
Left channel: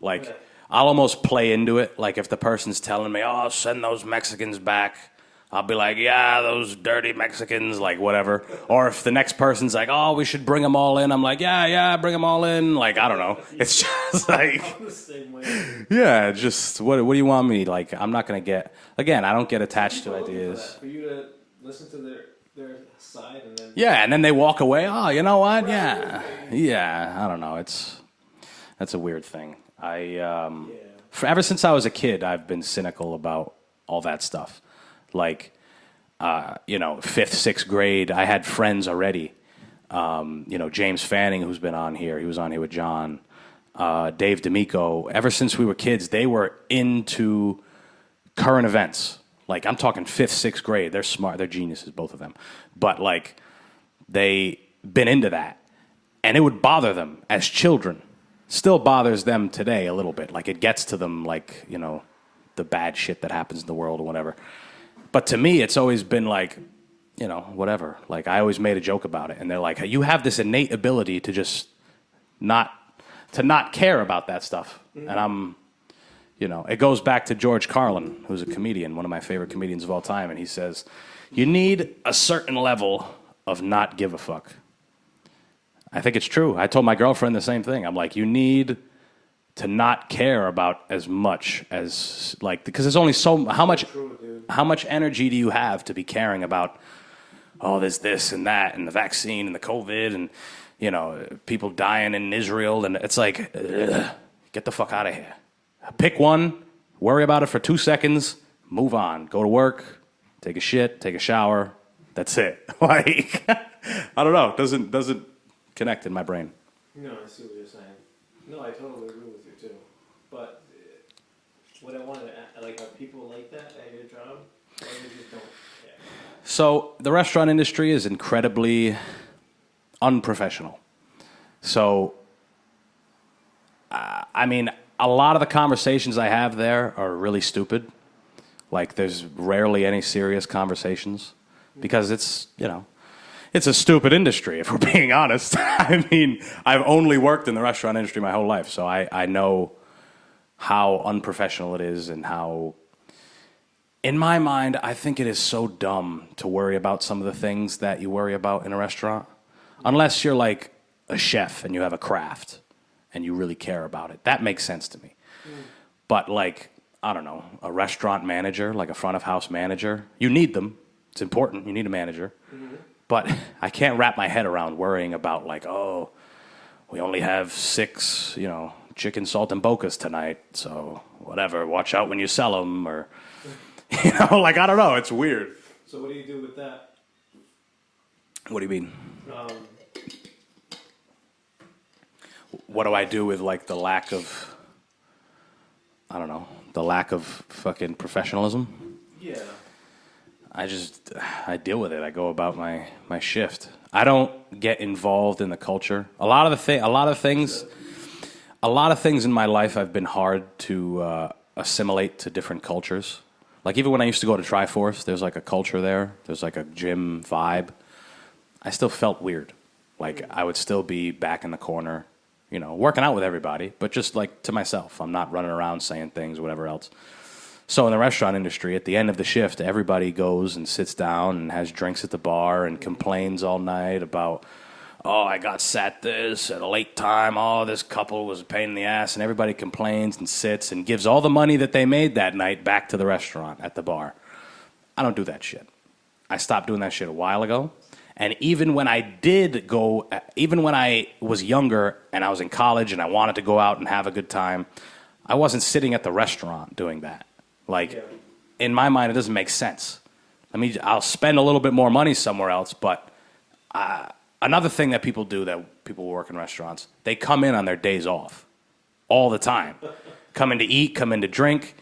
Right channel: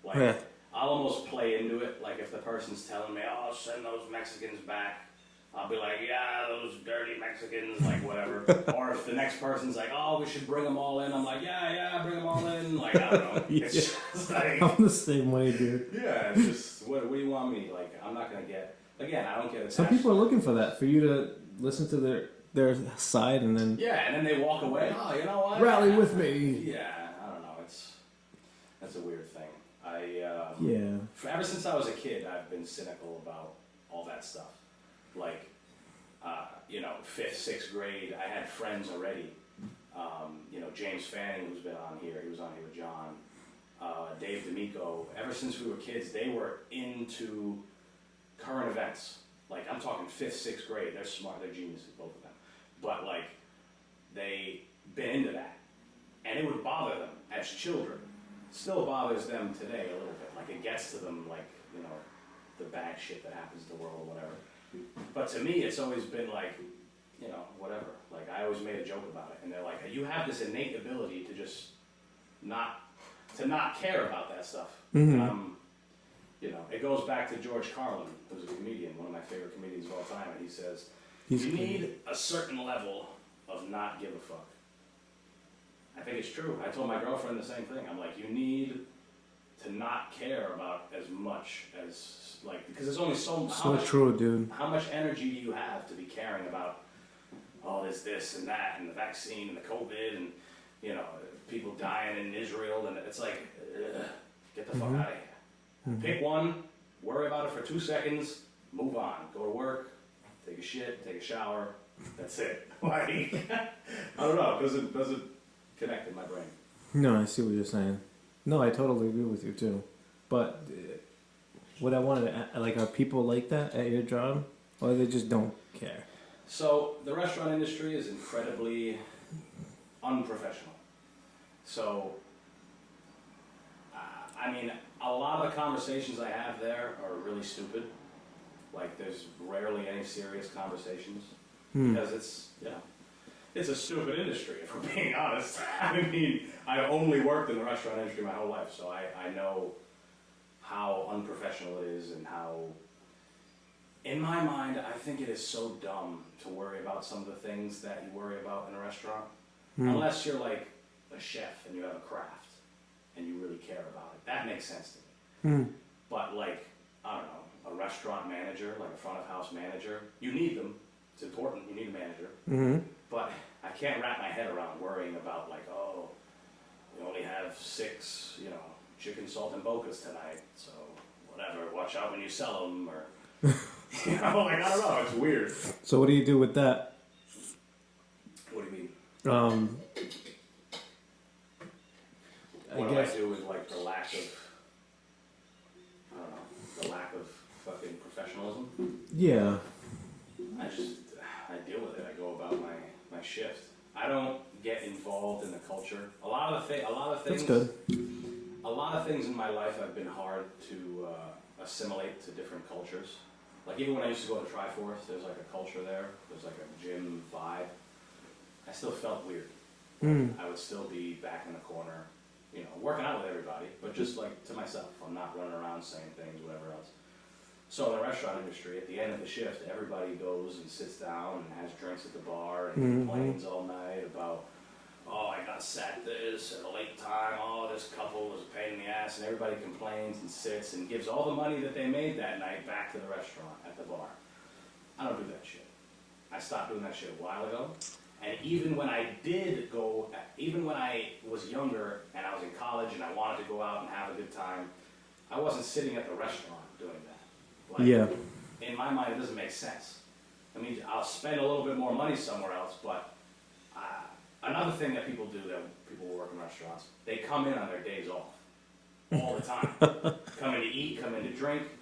Yeah. I'll almost play into it. Like if the person's telling me, "Oh, send those Mexicans back," I'll be like, "Yeah, those dirty Mexicans," whatever. Or if the next person's like, "Oh, we should bring them all in," I'm like, "Yeah, bring them all in." I don't know. It's just like I'm the same way, dude. Yeah, just what do you want me? I'm not gonna get. Again, I don't get attached to ideas. People are looking for that, for you to listen to their side and then and then they walk away. Oh, you know what? Rally with me. Yeah, I don't know. That's a weird thing. Ever since I was a kid, I've been cynical about all that stuff. Fifth, sixth grade, I had friends already. James Fanning, who's been on here, he was on here with John. Dave D'Amico. Ever since we were kids, they were into current events. I'm talking fifth, sixth grade. They're smart. They're geniuses, both of them. But they been into that, and it would bother them as children. Still bothers them today a little bit. It gets to them, the bad shit that happens in the world or whatever. But to me, it's always been whatever. I always made a joke about it, and they're like, you have this innate ability to just not care about that stuff. Mm-hmm. And I'm, it goes back to George Carlin, who's a comedian, one of my favorite comedians of all time, and he says, you need a certain level of not give a fuck. I think it's true. I told my girlfriend the same thing. I'm like, you need to not care about as much as because there's only how much true, dude. How much energy do you have to be caring about there's this and that and the vaccine and the COVID and people dying in Israel, and it's get the fuck out of here. Pick one, worry about it for 2 seconds, move on, go to work, take a shit, take a shower. That's it. I don't know. It doesn't connect in my brain. No, I see what you're saying. No, I totally agree with you too. But what I wanted to are people like that at your job, or they just don't care? So the restaurant industry is incredibly unprofessional. So, a lot of the conversations I have there are really stupid. There's rarely any serious conversations because it's a stupid industry, if we're being honest. I've only worked in the restaurant industry my whole life, so I know how unprofessional it is and how, in my mind, I think it is so dumb to worry about some of the things that you worry about in a restaurant. Unless you're like a chef and you have a craft and you really care about it. That makes sense to me. But like, I don't know, a restaurant manager, like a front of house manager, you need them. It's important. You need a manager. But I can't wrap my head around worrying about like, oh, we only have 6, chicken salt and bocas tonight. So whatever, watch out when you sell them or, like, I don't know. It's weird. So what do you do with that? What do you mean? I What do I guess- do with like the lack of, I don't know, the lack of fucking professionalism? Yeah. I deal with it. I go about my shift. I don't get involved in the culture. A lot of things in my life have been hard to assimilate to different cultures. Like even when I used to go to Triforce, there's like a culture there. There's like a gym vibe. I still felt weird. Like I would still be back in the corner, working out with everybody, but just like to myself. I'm not running around saying things, whatever else. So in the restaurant industry, at the end of the shift, everybody goes and sits down and has drinks at the bar and complains all night about, oh, I got sat this at a late time. Oh, this couple was a pain in the ass. And everybody complains and sits and gives all the money that they made that night back to the restaurant at the bar. I don't do that shit. I stopped doing that shit a while ago. And even when I was younger and I was in college and I wanted to go out and have a good time, I wasn't sitting at the restaurant doing that. Like, in my mind, it doesn't make sense. I'll spend a little bit more money somewhere else, but another thing that people do, that people who work in restaurants, they come in on their days off all the time. Come in to eat, come in to drink.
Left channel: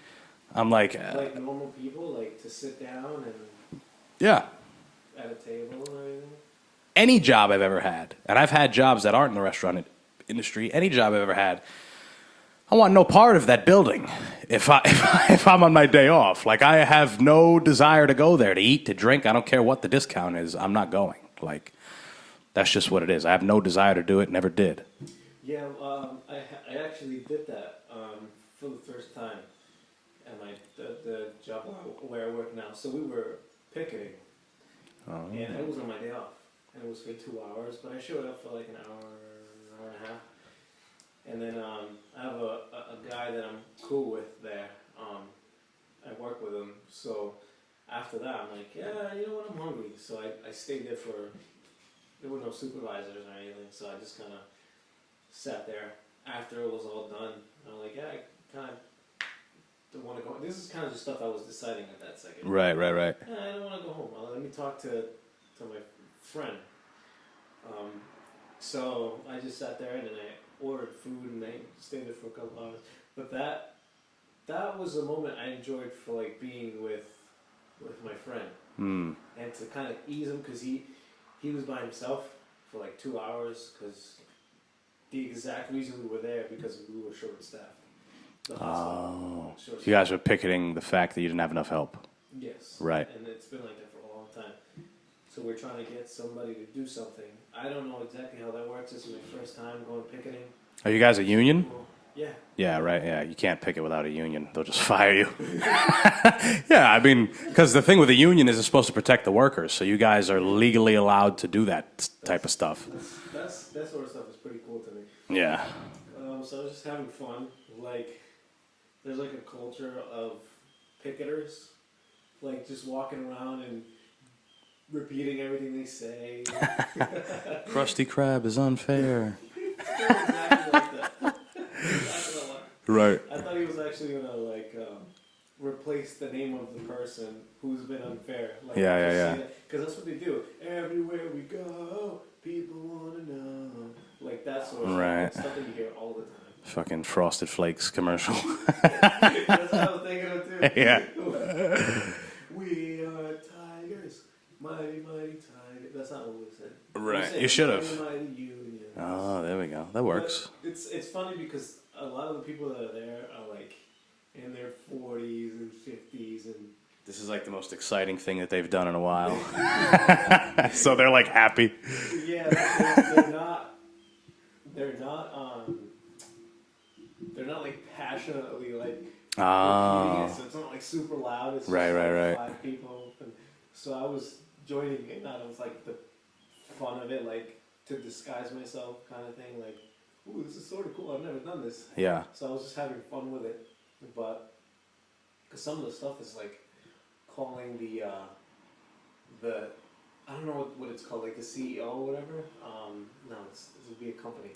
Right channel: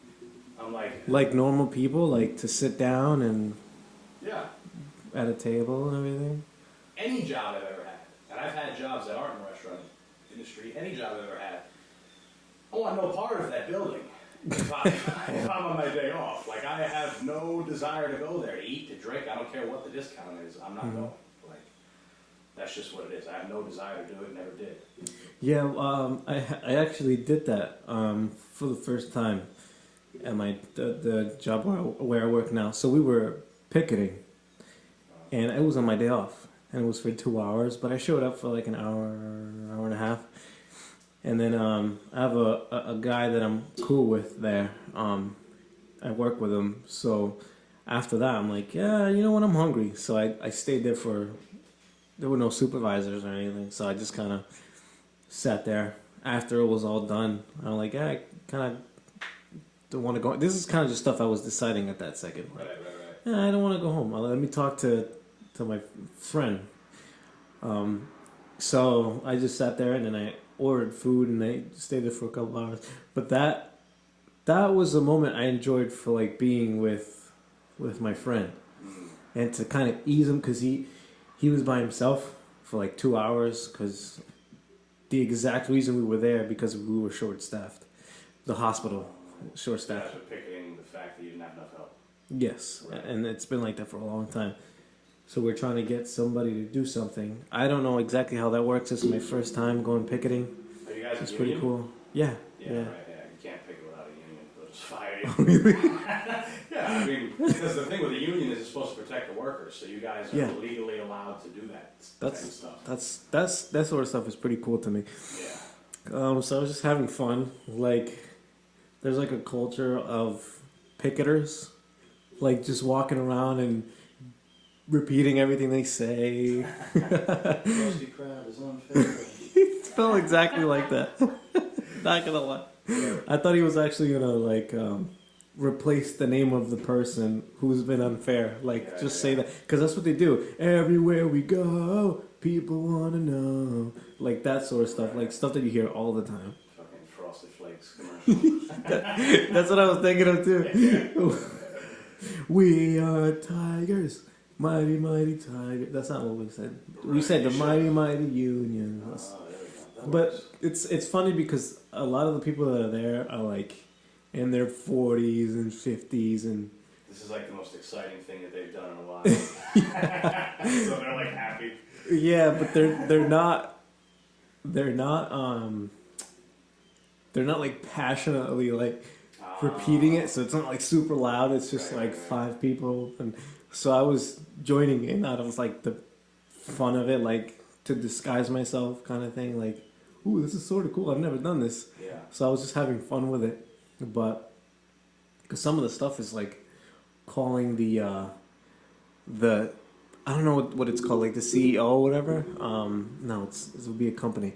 I'm like... Like normal people, like to sit down and... Yeah. At a table and everything? Any job I've ever had, and I've had jobs that aren't in the restaurant industry, any job I've ever had, I want no part of that building if I'm on my day off. Like, I have no desire to go there to eat, to drink. I don't care what the discount is. I'm not going. Like, that's just what it is. I have no desire to do it, never did. Yeah, I actually did that for the first time at the job where I work now. So we were picketing, and it was on my day off, and it was for 2 hours. But I showed up for like an hour and a half, and then I have a guy that I'm cool with there. I work with him, so after that I'm like, yeah, you know what, I'm hungry. So I stayed there there were no supervisors or anything, so I just kind of sat there. After it was all done, I'm like, yeah, I kind of don't want to go. This is kind of just stuff I was deciding at that second. Right. Yeah, I don't want to go home. Let me talk to my friend. So I just sat there and then I ordered food and I stayed there for a couple hours. But that was a moment I enjoyed for like being with my friend and to kind of ease him, because he was by himself for like 2 hours, because the exact reason we were there because we were short-staffed. The hospital short-staffed. You guys were picketing the fact that you didn't have enough help. Yes. Right. And it's been like that for a long time. So we're trying to get somebody to do something. I don't know exactly how that works. This is my first time going picketing. Are you guys a union? Cool. Yeah. Yeah, right. Yeah, you can't picket without a union. They'll just fire you. Yeah, because the thing with a union is it's supposed to protect the workers. So you guys are legally allowed to do that type of stuff. That sort of stuff is pretty cool to me. Yeah. So I was just having fun. Like, there's like a culture of picketers, like just walking around and repeating everything they say. Krusty Krab is unfair. It's not exactly like that. Not gonna lie. Right. I thought he was actually gonna like replace the name of the person who's been unfair. Like say that, because that's what they do. Everywhere we go, people wanna know. Like that sort of stuff. Right. Like stuff that you hear all the time. Fucking Frosted Flakes commercial. That's what I was thinking of too. Yeah. We are tigers. Mighty, mighty tiger. That's not what we said. Right. We said You the should've. mighty unions. Oh, there we go. That works. But it's funny because a lot of the people that are there are like in their 40s and 50s, and This is like the most exciting thing that they've done in a while. So they're like happy. yeah, but they're not they're not like passionately like repeating it, so it's not like super loud. It's just like 5 people, and so I was joining in out of like the fun of it, like to disguise myself, kind of thing. Like, ooh, this is sort of cool. I've never done this. Yeah. So I was just having fun with it, but because some of the stuff is like calling the I don't know what it's called, like the CEO or whatever. No, it would be a company.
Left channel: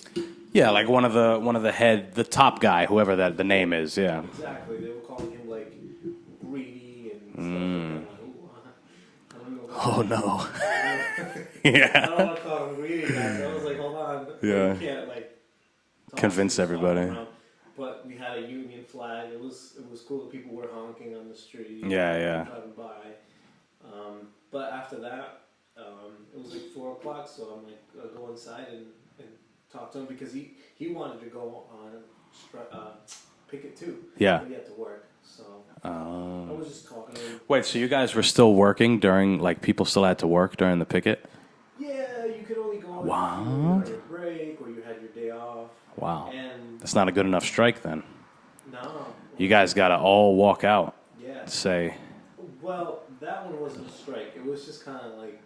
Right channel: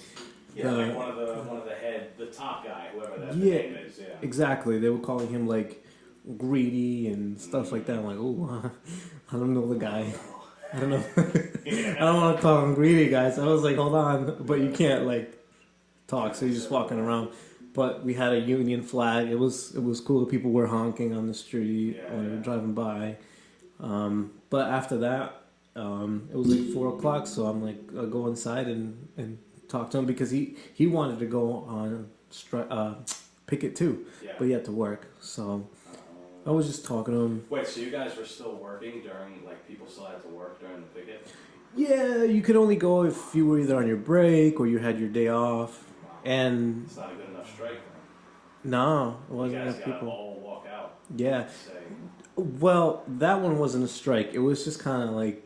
Yeah, like one of the top guy, whoever the name is. Yeah. Exactly. They were calling him like greedy and stuff like that. I'm like, oh, I don't know the guy. Oh no. I don't know. Yeah. I don't want to call him greedy, guys. I was like, hold on, but you can't like talk Convince to everybody. around. But we had a Union flag. It was cool. People were honking on the street. Driving by. But after that, it was like 4:00. So I'm like, I'll go inside and talk to him because he wanted to go on picket too. Yeah. But he had to work. So I was just talking to him. Wait, so you guys were still working during, like, people still had to work during the picket? Yeah, you could only go if you were either on your break or you had your day off. Wow. And that's not a good enough strike then. No. You guys got to all walk out. Yeah. Say. Well, that one wasn't a strike. It was just kind of like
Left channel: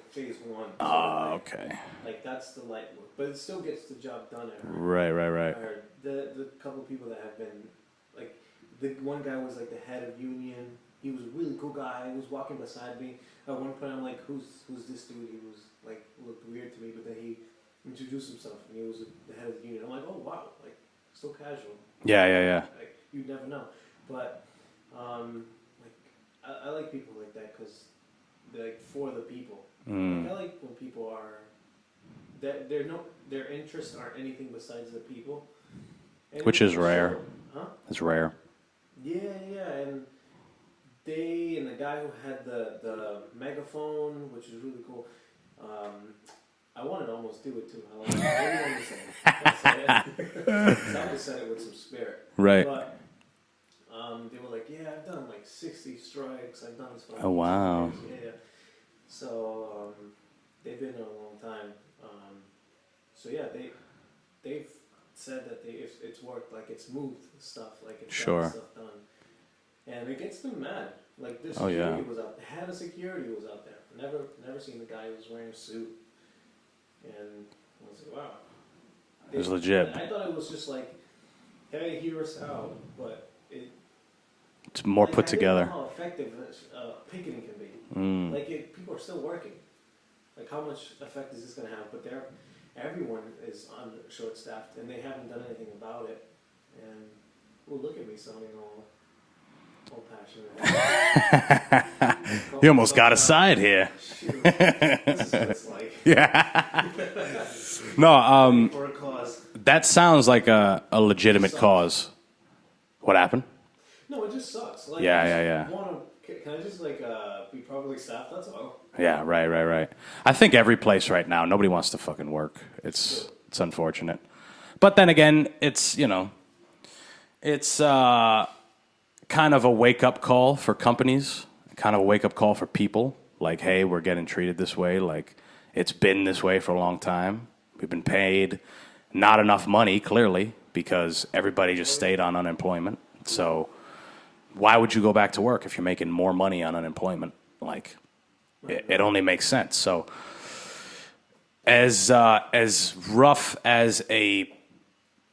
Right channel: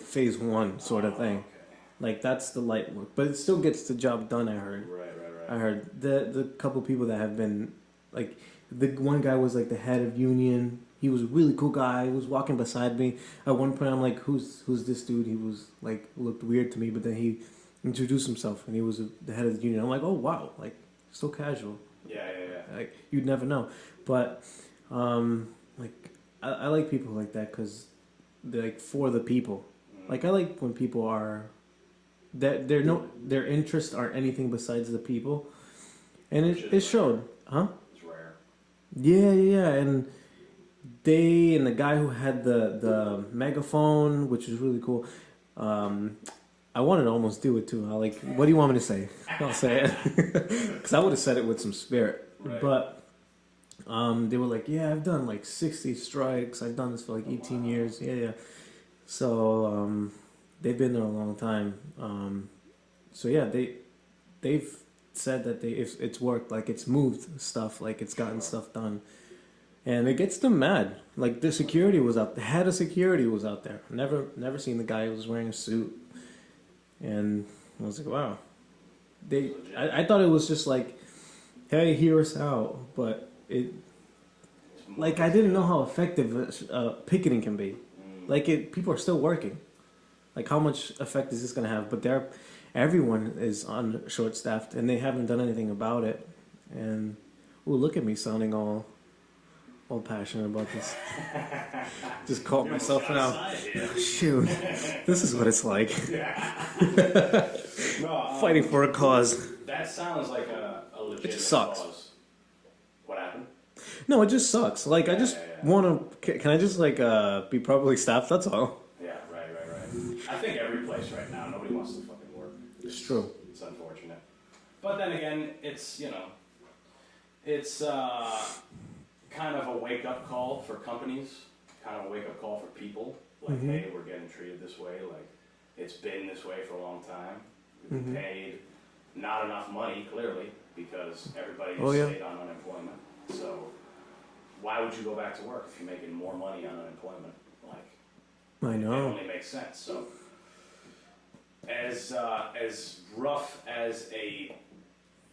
phase 1 sort of thing. Okay. Like that's the light work, but it still gets the job done. I heard. Right. I heard the couple people that have been like the one guy was like the head of union. He was a really cool guy. He was walking beside me. At one point, I'm like, "Who's this dude?" He was like looked weird to me, but then he introduced himself, and he was the head of the union. I'm like, "Oh wow!" Like so casual. Yeah. Like you'd never know, but like I like people like that because they're like for the people. Like I like when people are that their interests aren't anything besides the people, and which is rare. Showed. Huh? It's rare. Yeah, and they and the guy who had the megaphone, which was really cool. I wanted to almost do it too. I like, what do you want me to say? I'll say it because I would have said it with some spirit. Right. But they were like, yeah, I've done like 60 strikes. I've done this for like 18 years. Yeah. So they've been there a long time. So yeah, they've said that if it's worked, like it's moved stuff, like it's gotten stuff done, and it gets them mad. Like the security was out, the head of security was out there. Never seen the guy who was wearing a suit, and I was like, wow, it was legit. I thought it was just like, hey, hear us out, but it's more like, put together. I didn't know how effective picketing can be. Like people are still working. Like how much effect is this going to have? But everyone is on short staffed and they haven't done anything about it. And look at me sounding all passionate about this. You almost got a side here. Shoot, this is what it's like. Yeah. No, fighting for a cause. That sounds like a legitimate cause. What happened? No, it just sucks. Like I just want to. Can I just like be properly staffed? That's all. Yeah, right. I think every place right now, nobody wants to fucking work. It's unfortunate. But then again, it's, it's kind of a wake-up call for companies, kind of a wake-up call for people. Like, hey, we're getting treated this way. Like, it's been this way for a long time. We've been paid not enough money, clearly, because everybody just stayed on unemployment. So why would you go back to work if you're making more money on unemployment? Like... It only makes sense. So, as rough as a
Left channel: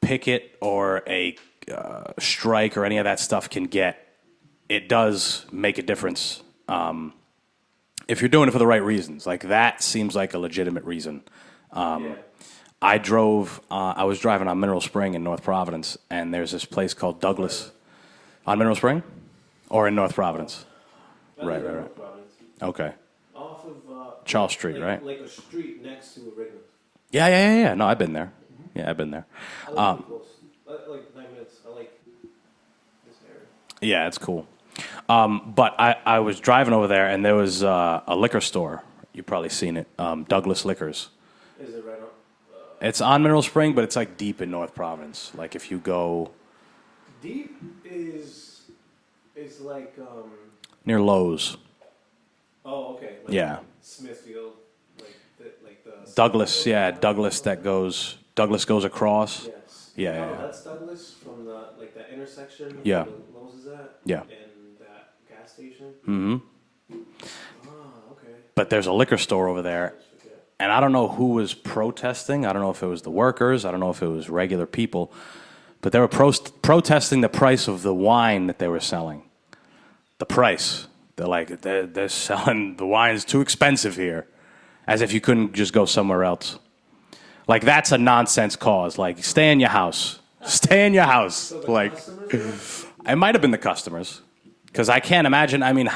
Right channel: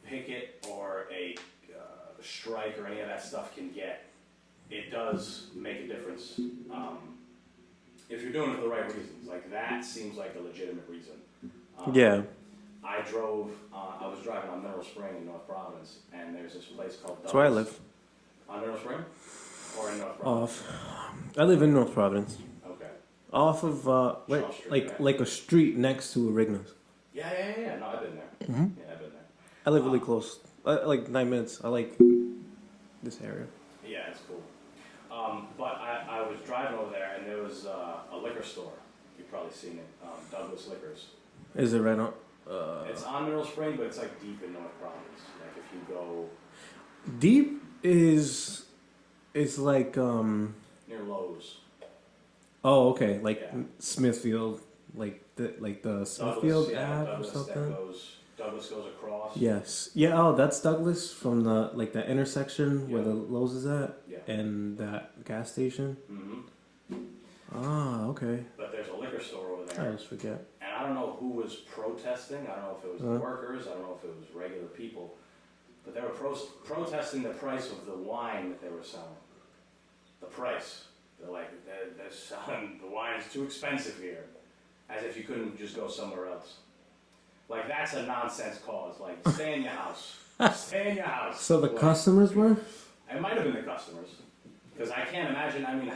picket or a strike or any of that stuff can get, it does make a difference if you're doing it for the right reasons. Like that seems like a legitimate reason. I was driving on Mineral Spring in North Providence, and there's this place called Douglas. Where I live. On Mineral Spring, or in North Providence? I live in North Providence. Okay. Off of Charles Street, right? Like a street next to Rignos. Yeah. No, I've been there. Yeah, I've been there. I live really close. Like 9 minutes. I like this area. Yeah, it's cool. But I was driving over there, and there was a liquor store. You've probably seen it. Douglas Liquors. Is it right on? It's on Mineral Spring, but it's like deep in North Providence. Like if you go... Deep is like... near Lowe's. Oh, okay. Like Smithfield, like the Douglas, Smithfield Douglas that goes Douglas goes across. Yes. Yeah. Yeah. Oh, that's Douglas from the intersection Yeah. where the Lowe's is at. Yeah. And that gas station. Mm-hmm. Ah, okay. But there's a liquor store over I there. always forget. And I don't know who was protesting. I don't know if it was the workers. I don't know if it was regular people. But they were protesting the price of the wine that they were selling. The price. They're like, they're selling, the wine's too expensive here. As if you couldn't just go somewhere else. Like, that's a nonsense cause. Like, stay in your house. Stay in your house. So the like, customers were? it might have been the customers. Because I can't imagine, I mean,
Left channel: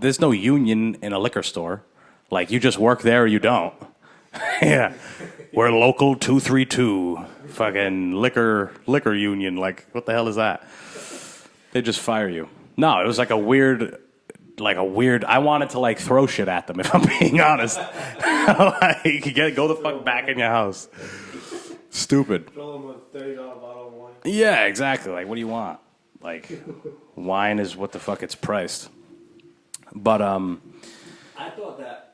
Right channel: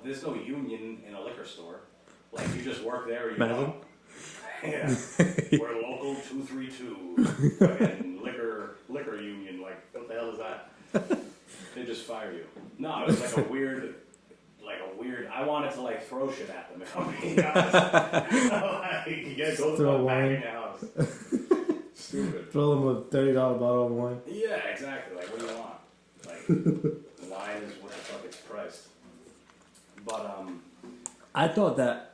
there's no union in a liquor store. Like, you just work there or you don't. Yeah. We're local 232. Fucking liquor union. Like, what the hell is that? They just fire you. No, it was like a weird, I wanted to, like, throw shit at them, if I'm being honest. Like, go the fuck back in your house. Stupid. Throw them a $30 bottle of wine. Yeah, exactly. Like, what do you want? Like, wine is what the fuck it's priced. But, I thought that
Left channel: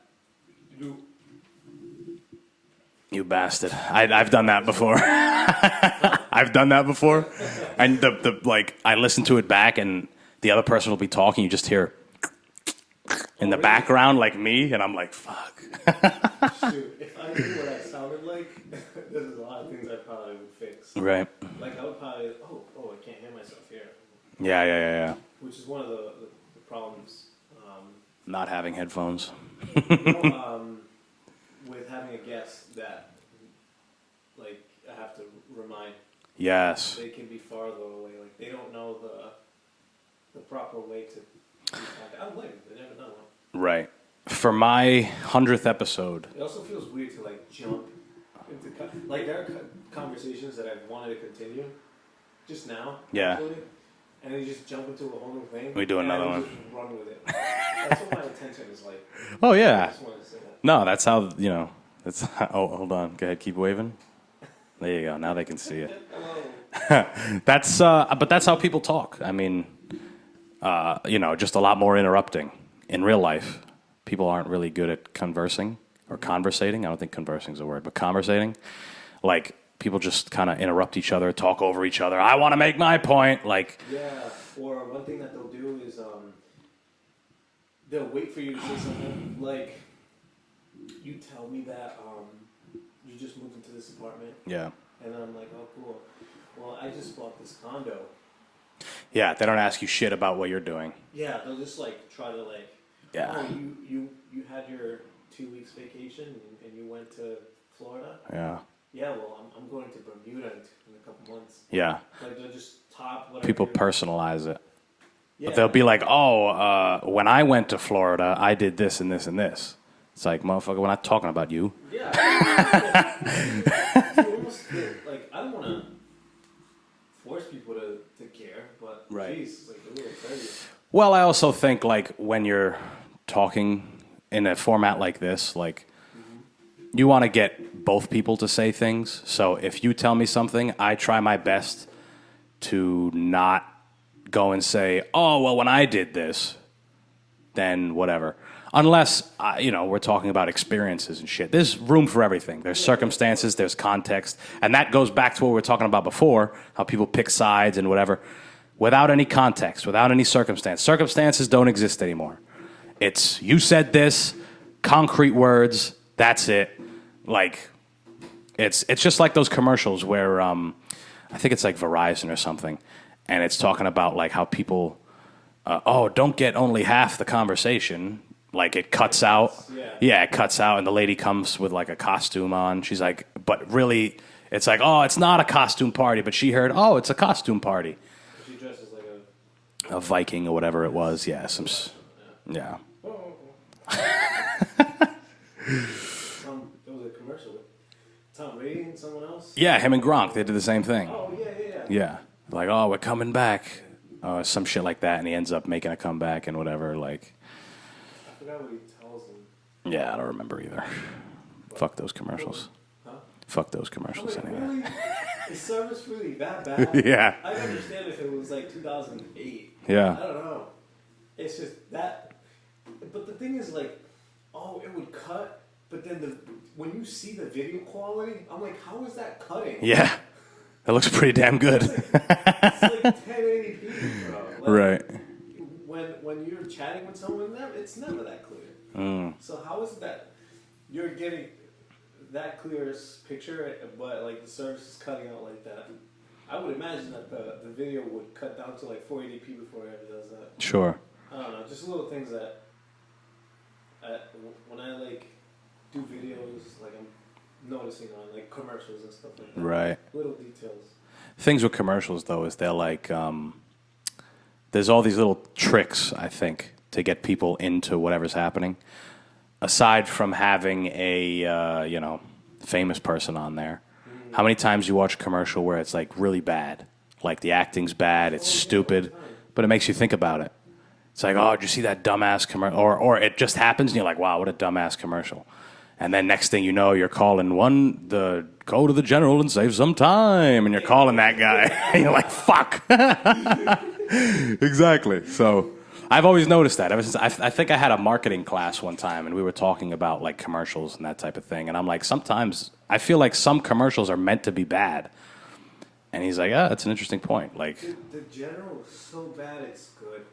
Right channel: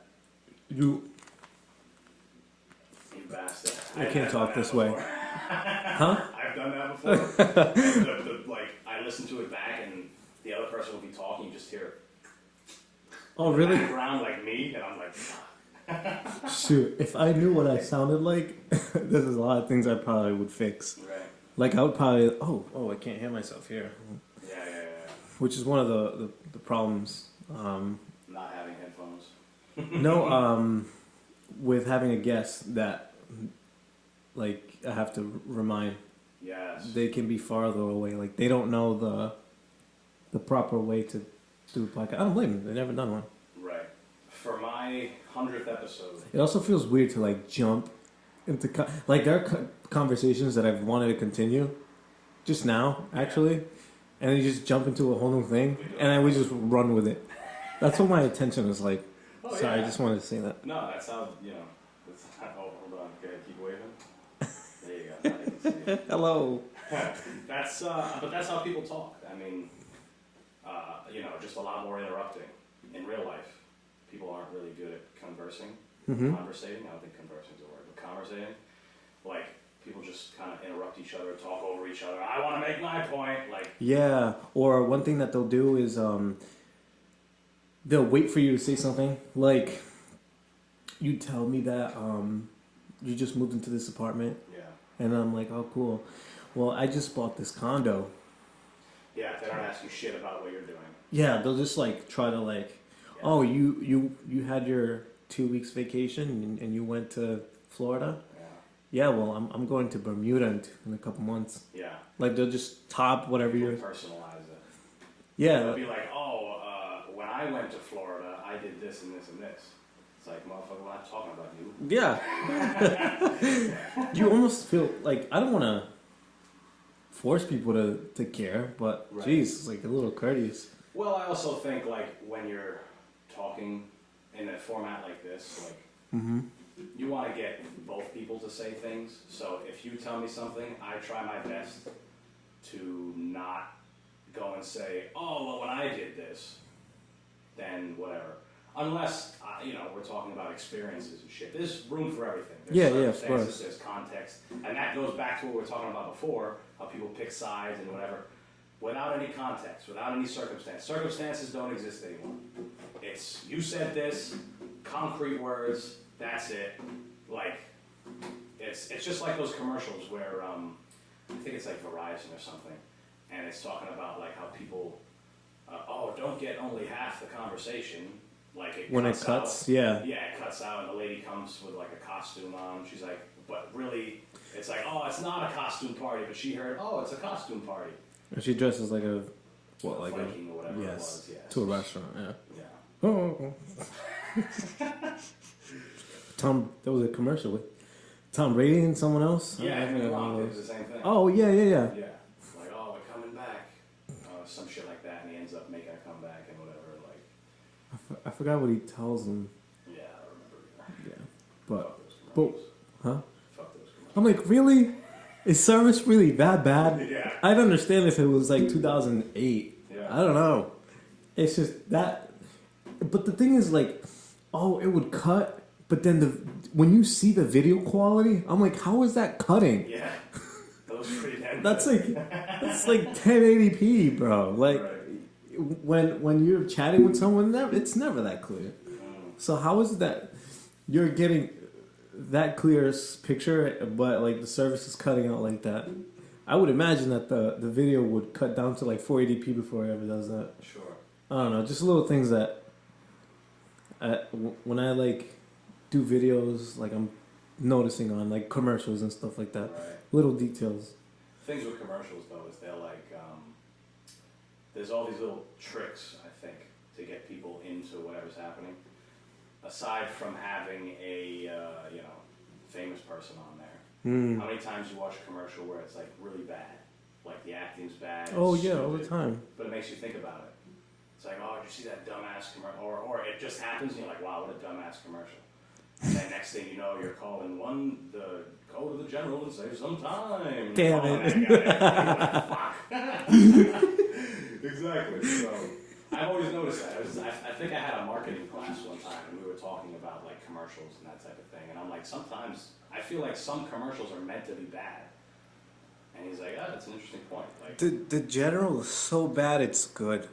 you bastard. I've done that before. I've done that before. And I listen to it back and the other person will be talking. You just hear in the background like me. And I'm like, fuck. Shoot, if I knew what I sounded like, there's a lot of things I probably would fix. Right. Like I would probably, I can't hear myself here. Yeah. Which is one of the problems. Not having headphones. No, with having a guest that, like, I have to remind. Yes. They can be farther away. Like, they don't know the proper way to do a podcast. I don't blame them. They've never done one. Right. For my 100th episode. It also feels weird to, like, jump into... like, there are conversations that I've wanted to continue just now, actually. And then you just jump into a whole new thing. We just run with it. That's what my attention is like. Oh, so yeah. I just wanted to say that. No, that's how, hold on. Go ahead, keep waving. There you go. Now they can see it. Hello. But that's how people talk. I mean, just a lot more interrupting. In real life, people aren't really good at conversing or conversating. I don't think conversing is a word, but conversating. Like, people just kind of interrupt each other, talk over each other. I want to make my point. Like, yeah. Or one thing that they'll do is they'll wait for you to say something. Like, you tell me that you just moved into this apartment. Yeah. And I'm like, oh, cool. Well, I just bought this condo. Yeah, they don't ask you shit about what you're doing. Yeah, they'll just, like, try to, like, oh, you had your 2 weeks vacation and you went to Florida? Yeah. Yeah, well, I'm going to Bermuda in a couple months. Yeah. Like, they'll just top whatever. People personalize it. Yeah. But they'll be like, when I went to Florida, I did this and this and this. It's like, motherfucker, we're not talking about you. Yeah. You almost feel like, I don't want to force people to care, but geez, it's like a little courteous. Well, I also think, like, when you're talking in a format like this, like, you want to get both people to say things. So if you tell me something, I try my best to not go and say, oh, well, when I did this, then whatever. Unless, we're talking about experiences and shit. There's room for everything. There's circumstances, there's context. And that goes back to what we were talking about before, how people pick sides and whatever. Without any context, without any circumstance. Circumstances don't exist anymore. It's, you said this, concrete words, that's it. Like, it's just like those commercials where, I think it's like Verizon or something. And it's talking about, like, how people, don't get only half the conversation. Like, it cuts out. Yeah. Yeah, it cuts out, and the lady comes with, like, a costume on. She's like, but really, it's like, oh, it's not a costume party. But she heard, oh, it's a costume party. And she dresses like a Viking or whatever it was. Yeah. To a restaurant, Yeah. Oh. Tom, there was a commercial with Tom Brady and someone else? Yeah, him and Gronk, they did the same thing. Oh, yeah. Yeah. Like, oh, we're coming back. Some shit like that, and he ends up making a comeback and whatever, like... I forgot what he tells them. Yeah, I don't remember either. But, fuck those commercials. Huh? Fuck those commercials. I'm like, really? Is service really that bad? Yeah. I'd understand if it was like 2008. Yeah. I don't know. It's just that. But the thing is, like, it would cut But then when you see the video quality, I'm like, how is that cutting? Yeah. That looks pretty damn good. It's like 1080p, bro. Like, Right. When you're chatting with someone, it's never that clear. So how is it that you're getting that clear picture, but like the service is cutting out like that? I would imagine that the video would cut down to like 480p before it ever does that. Sure. I don't know, just little things that when I like do videos, like I'm noticing on like commercials and stuff like that. Right. Little details. Things with commercials, though, is they're like, there's all these little tricks, I think, to get people into whatever's happening. Aside from having a, famous person on there, how many times you watch a commercial where it's like really bad? Like the acting's bad, it's stupid, all the time. but it makes you think about it. It's like, oh, did you see that dumbass commercial? Or it just happens and you're like, wow, what a dumbass commercial. And then next thing you know, you're calling go to the general and save some time. And you're calling that guy. And you're like, fuck. Exactly. So I've always noticed that ever since I think I had a marketing class one time and we were talking about like commercials and that type of thing. And I'm like, sometimes I feel like some commercials are meant to be bad. And he's like, that's an interesting point. Like The general is so bad it's good.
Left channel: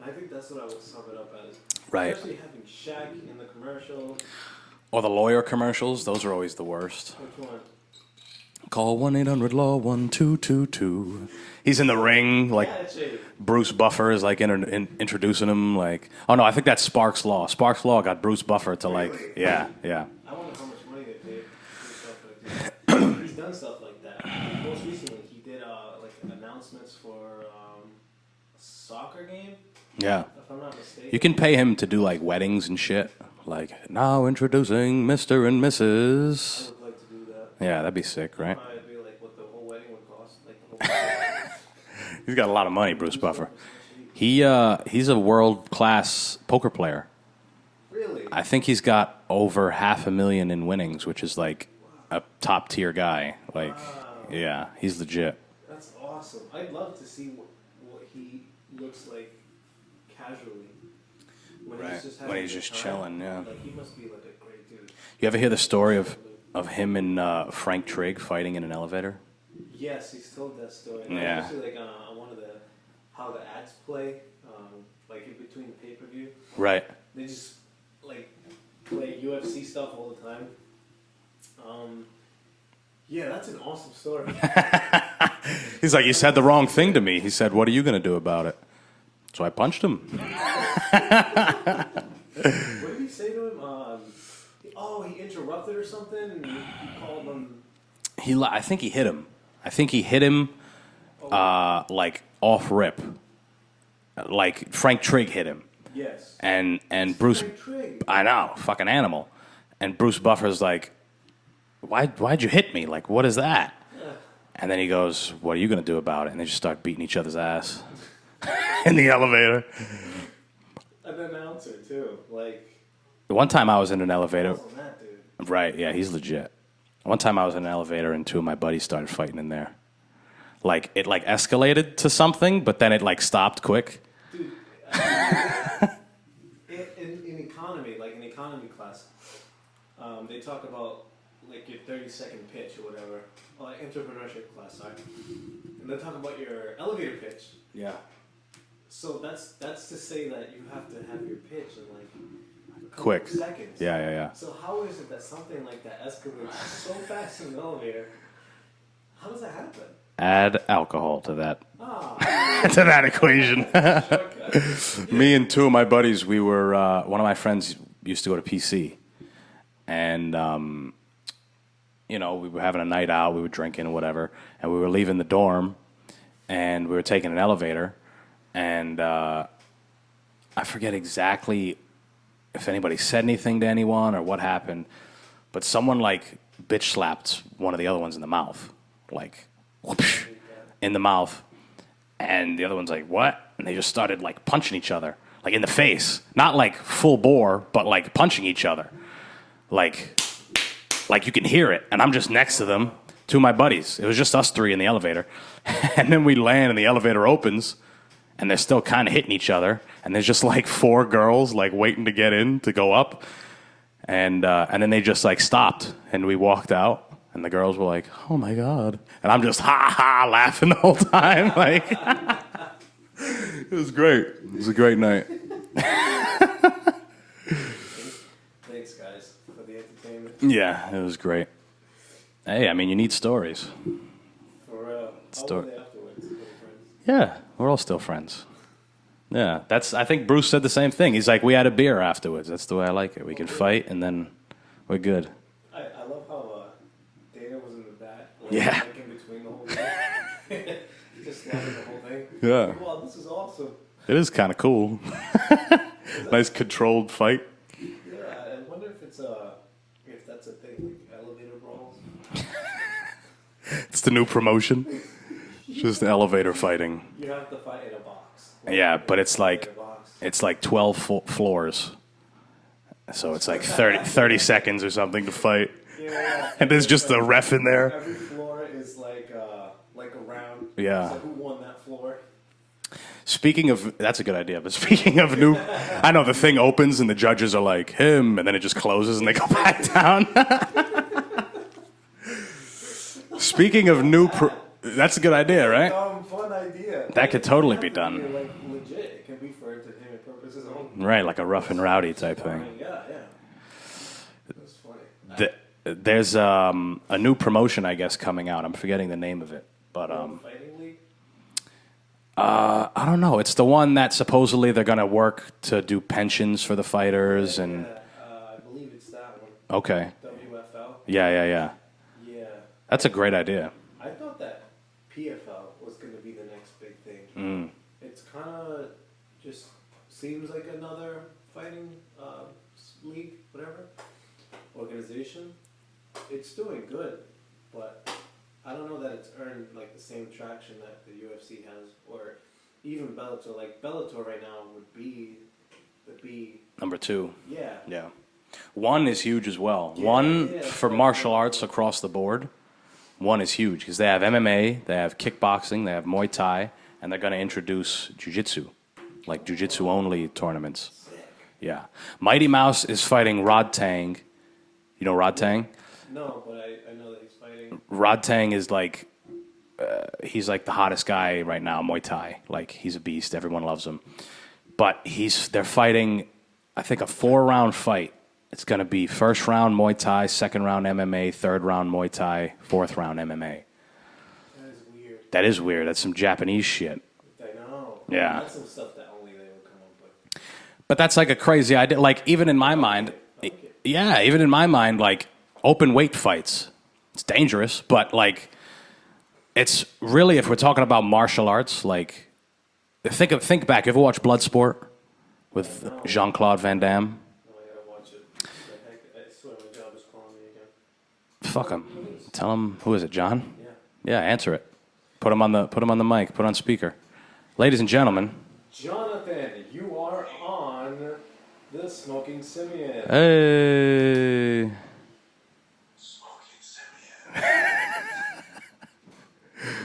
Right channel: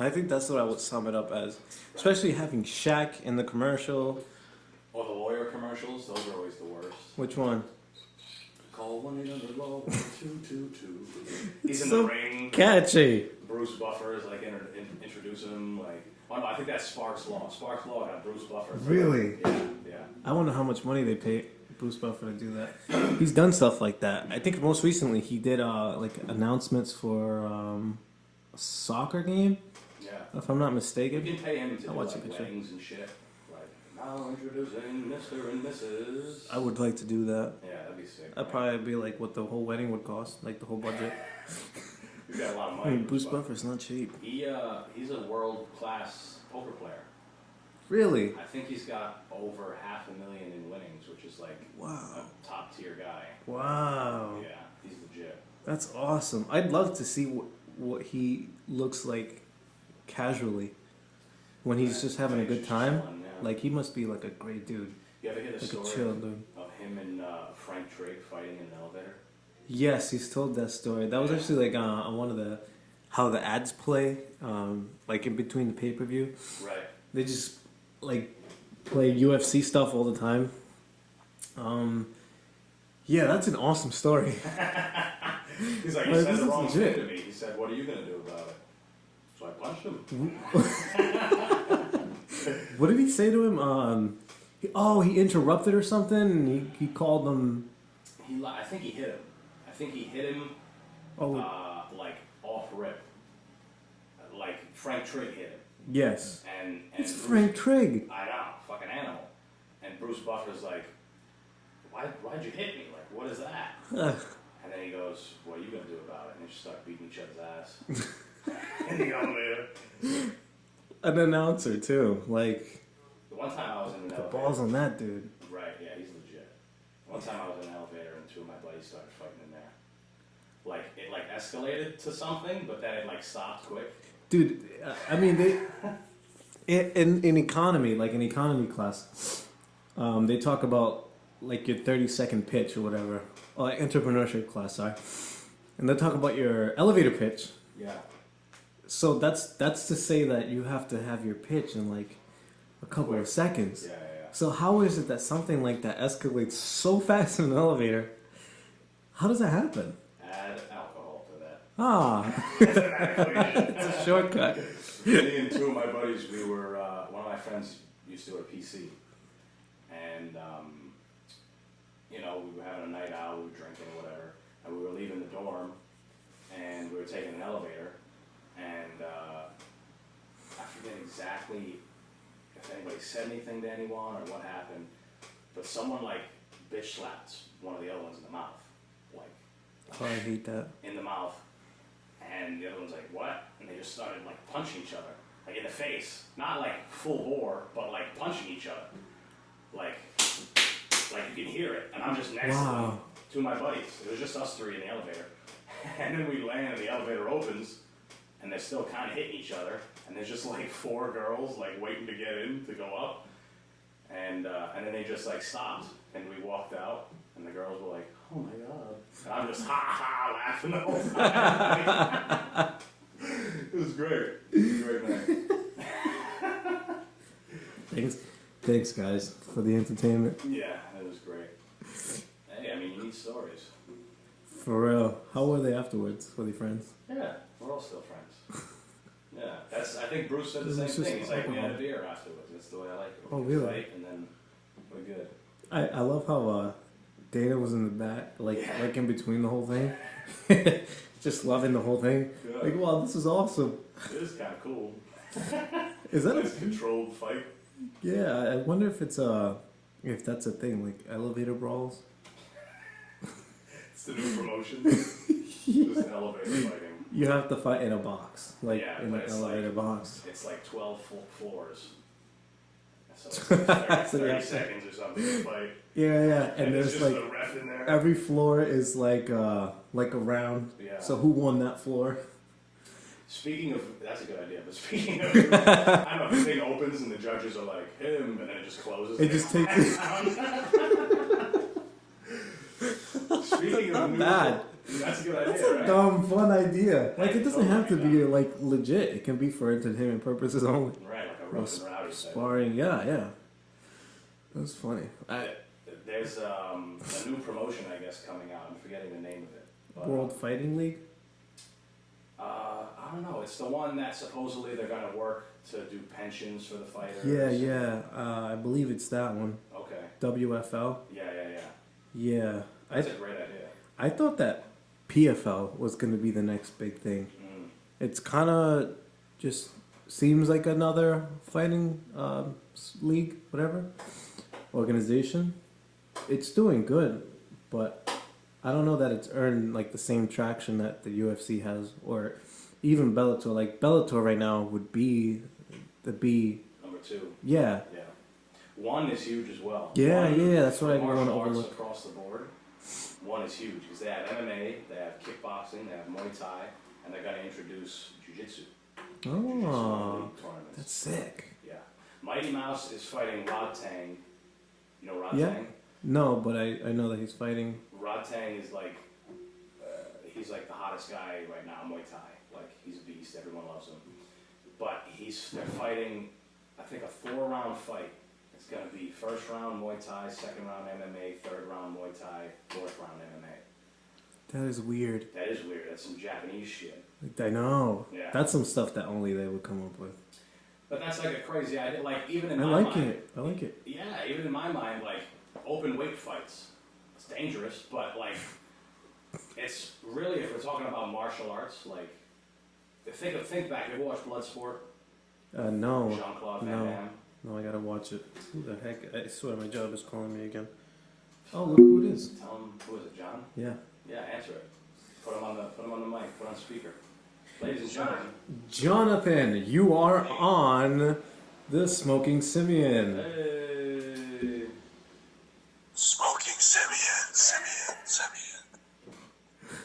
I think that's what I would sum it up as. Right. Especially having Shaq in the commercial. or the lawyer commercials, those are always the worst. Which one? Call 1-800-LAW-1222. He's in the ring. Like, Catchy. Bruce Buffer is like introducing him. Like, oh no, I think that's Sparks Law. Sparks Law got Bruce Buffer to Really? like, yeah. I wonder how much money they paid Bruce Buffer to do that. He's done stuff like that. I think most recently he did like announcements for a soccer game, Yeah. if I'm not mistaken. You can pay him to do like weddings and shit. Like, now introducing Mr. and Mrs. I would like to do that. Yeah, that'd be sick, That'd right? probably be like what the whole wedding would cost, like the whole budget. He's got a lot of money, Bruce Buffer. Buffer's not cheap. He's a world-class poker player. Really? I think he's got over $500,000 in winnings, which is like a top-tier guy. Like, Wow. yeah, he's legit. That's awesome. I'd love to see what he looks like casually when he's just having When a he's good just time. chilling, yeah. Like he must be like a great dude. You ever hear the story Chill dude. of him and Frank Trigg fighting in an elevator? Yes, he's told that story. That was Yeah. actually like on one of the how the ads play, like in between the pay per view. Right. They just like play UFC stuff all the time. Yeah, that's an awesome story. He's like, you said the wrong thing to me. He said, what are you going to do about it? So I punched him. What did he say to him? He interrupted or something. And he called them. I think he hit him. Like off rip. Like Frank Trigg hit him. Yes. And It's Bruce. Frank Trigg. I know, fucking animal. And Bruce Buffer's like, why'd you hit me? Like, what is that? Ugh. And then he goes, what are you going to do about it? And they just start beating each other's ass in the elevator. An announcer too. Like The one time I was in an elevator. balls on that dude. Right, yeah, he's legit. One time I was in an elevator and two of my buddies started fighting in there. Like, it like escalated to something, but then it like stopped quick. Dude, I mean, in economy, like in economy class, they talk about like your 30-second pitch or whatever, or like entrepreneurship class, sorry, and they talk about your elevator pitch. Yeah. So that's to say that you have to have your pitch in like a couple Quick. of seconds. Yeah. So how is it that something like that escalates so fast in an elevator? How does that happen? Add alcohol to that Ah, to that equation. shortcut. Me and two of my buddies, we were one of my friends used to go to PC, and we were having a night out, we were drinking or whatever, and we were leaving the dorm, and we were taking an elevator, and I forget exactly if anybody said anything to anyone or what happened, but someone like bitch slapped one of the other ones in the mouth, like I hate that. in the mouth, and the other one's like, what? And they just started like punching each other, like in the face, not like full bore, but like punching each other, like you can hear it, and I'm just next to them, two of my buddies. It was just us three in the elevator, and then we land and the elevator opens, and they're still kind of hitting each other, and there's just like four girls like waiting to get in to go up, and then they just like stopped, and we walked out, and the girls were like, "Oh my god," and I'm just ha laughing the whole time. Like, it was great. It was a great night. Thanks, guys, for the entertainment. Yeah, it was great. Hey, I mean, you need stories. For real. How were they afterwards? Were they friends? Yeah, we're all still friends. Yeah, I think Bruce said the same thing. He's like, we had a beer afterwards. That's the way I like it. We could really? fight, and then we're good. I love how Dana was in the back, like in between the whole thing. Just loving the whole thing. Yeah. Like, wow, this is awesome. It is kind of cool. Nice controlled fight. Yeah, I wonder if that's a thing, like elevator brawls. It's the new promotion. Just elevator fighting. You have to fight in a box. Yeah, but it's like box. it's like 12 floors. So it's like 30 seconds or something to fight. Yeah. And there's just a ref in there. Every floor is like a round. Yeah. So who won that floor? Speaking of, that's a good idea, but speaking of new, I know the thing opens and the judges are like, him, and then it just closes and they go back down. Speaking of new, that's a good idea, right? Fun idea. That could totally be done. Be, like, legit. It can be for entertainment purposes only. Right, like a rough and rowdy type thing. Yeah. That's funny. There's a new promotion, I guess, coming out. I'm forgetting the name of it. But World Fighting League? I don't know. It's the one that supposedly they're going to work to do pensions for the fighters. I believe it's that one. Okay. WFL? Yeah. Yeah. That's a great idea. I thought that PFL was going to be the next big thing. It's kind of just seems like another fighting league, whatever, organization. It's doing good, but I don't know that it's earned like the same traction that the UFC has, or even Bellator. Like Bellator right now would be Number 2. Yeah. One is huge as well. For martial arts across the board. One is huge because they have MMA, they have kickboxing, they have Muay Thai, and they're going to introduce jiu-jitsu, like jiu-jitsu only tournaments. Sick. Yeah. Mighty Mouse is fighting Rod Tang. You know Rod Tang? No, but I know that he's fighting. Rod Tang is like, he's like the hottest guy right now, Muay Thai. Like, he's a beast. Everyone loves him. But they're fighting, I think, a 4-round fight. It's going to be first round Muay Thai, second round MMA, third round Muay Thai, fourth round MMA. That is weird. That is weird. That's some Japanese shit. I know. Yeah. That's some stuff that only they would come up with. But that's like a crazy idea. Like, even in my mind. I like it. Yeah, even in my mind, like, open weight fights. It's dangerous, but, like, it's really, if we're talking about martial arts, like, think back. You ever watch Bloodsport with No. Jean-Claude Van Damme? No, I gotta watch it. Who the heck? I swear my job is calling me again. Fuck Who him. it is? Tell him, who is it, John? Yeah. Yeah, answer it. Put him on the mic. Put on speaker. Ladies and gentlemen. Jonathan, you are on the Smoking Simian. Hey. Smoking Simian.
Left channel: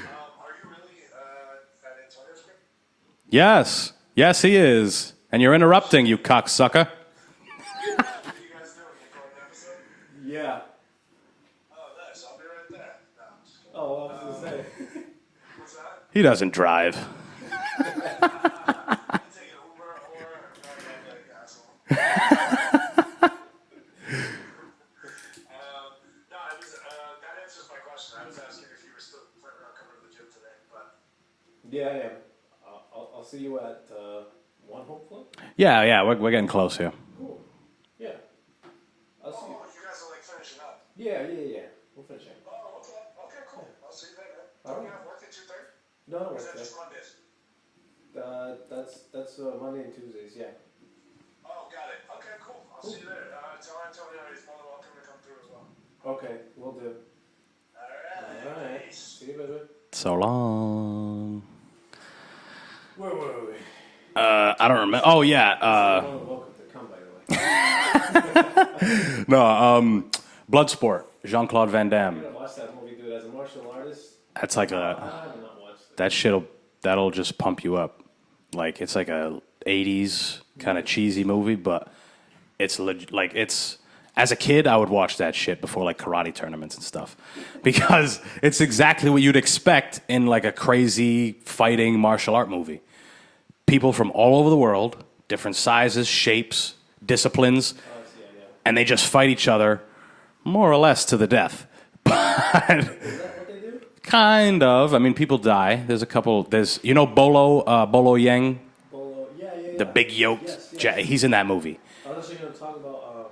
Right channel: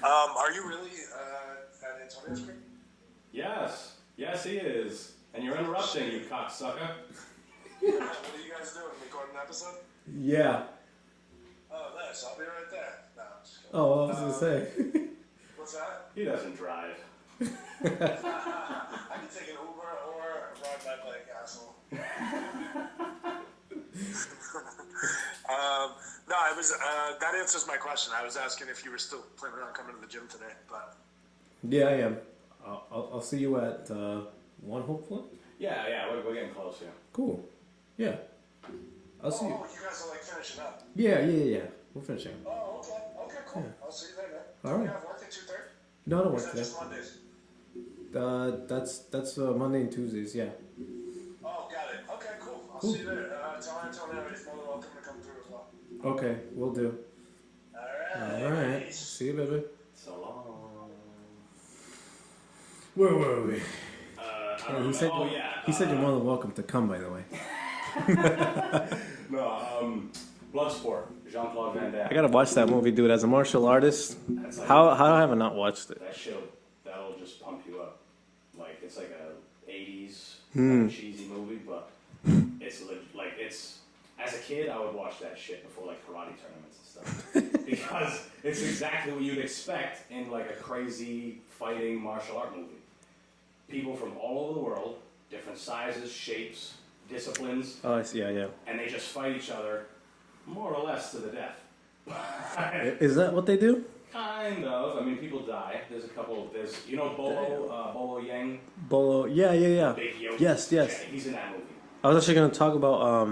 Are you really at Antonio's Creek? Yes. Yes, he is. And you're interrupting, you cocksucker. What are you guys doing? Recording an episode? Yeah. Oh, nice. I'll be right there. No, I'm just kidding. Oh, what I was gonna say. What's that? He doesn't drive. You take an Uber or ride my bike, asshole. No, I was. That answers my question. I was asking if you were still planning on coming to the gym today, but. Yeah, I am. I'll see you at 1, hopefully. Yeah, we're getting close here. Cool. Yeah. I'll see you. Oh, you guys are like finishing up. Yeah. We're finishing. Oh, okay. Okay, cool. I'll see you there, man. All right. You have work at 2:30? No, I don't Or work is that today. just Mondays? That's Monday and Tuesdays. Yeah. Oh, got it. Okay, cool. I'll see you there. Tell Antonio he's more than welcome to come through as well. Okay, we'll do. All All right. right. See you, baby. So long. Where were we? I don't remember. Oh, You said yeah. you're more than welcome to come, by the way. No, Bloodsport. Jean-Claude Van I Damme. gotta watch that movie, dude. As a martial artist, That's like how have I not watched it? that'll just pump you up. Like, it's like a 80s kind of cheesy movie, but it's As a kid, I would watch that shit before like karate tournaments and stuff because it's exactly what you'd expect in like a crazy fighting martial art movie. People from all over the world, different sizes, shapes, disciplines, Oh, I see. Yeah. and they just fight each other more or less to the death. Is that what they do? Kind of. I mean, people die. There's a couple. There's Bolo Yang, Bolo. Yeah. the big yoke. Yes. He's in that movie. I was actually going to talk about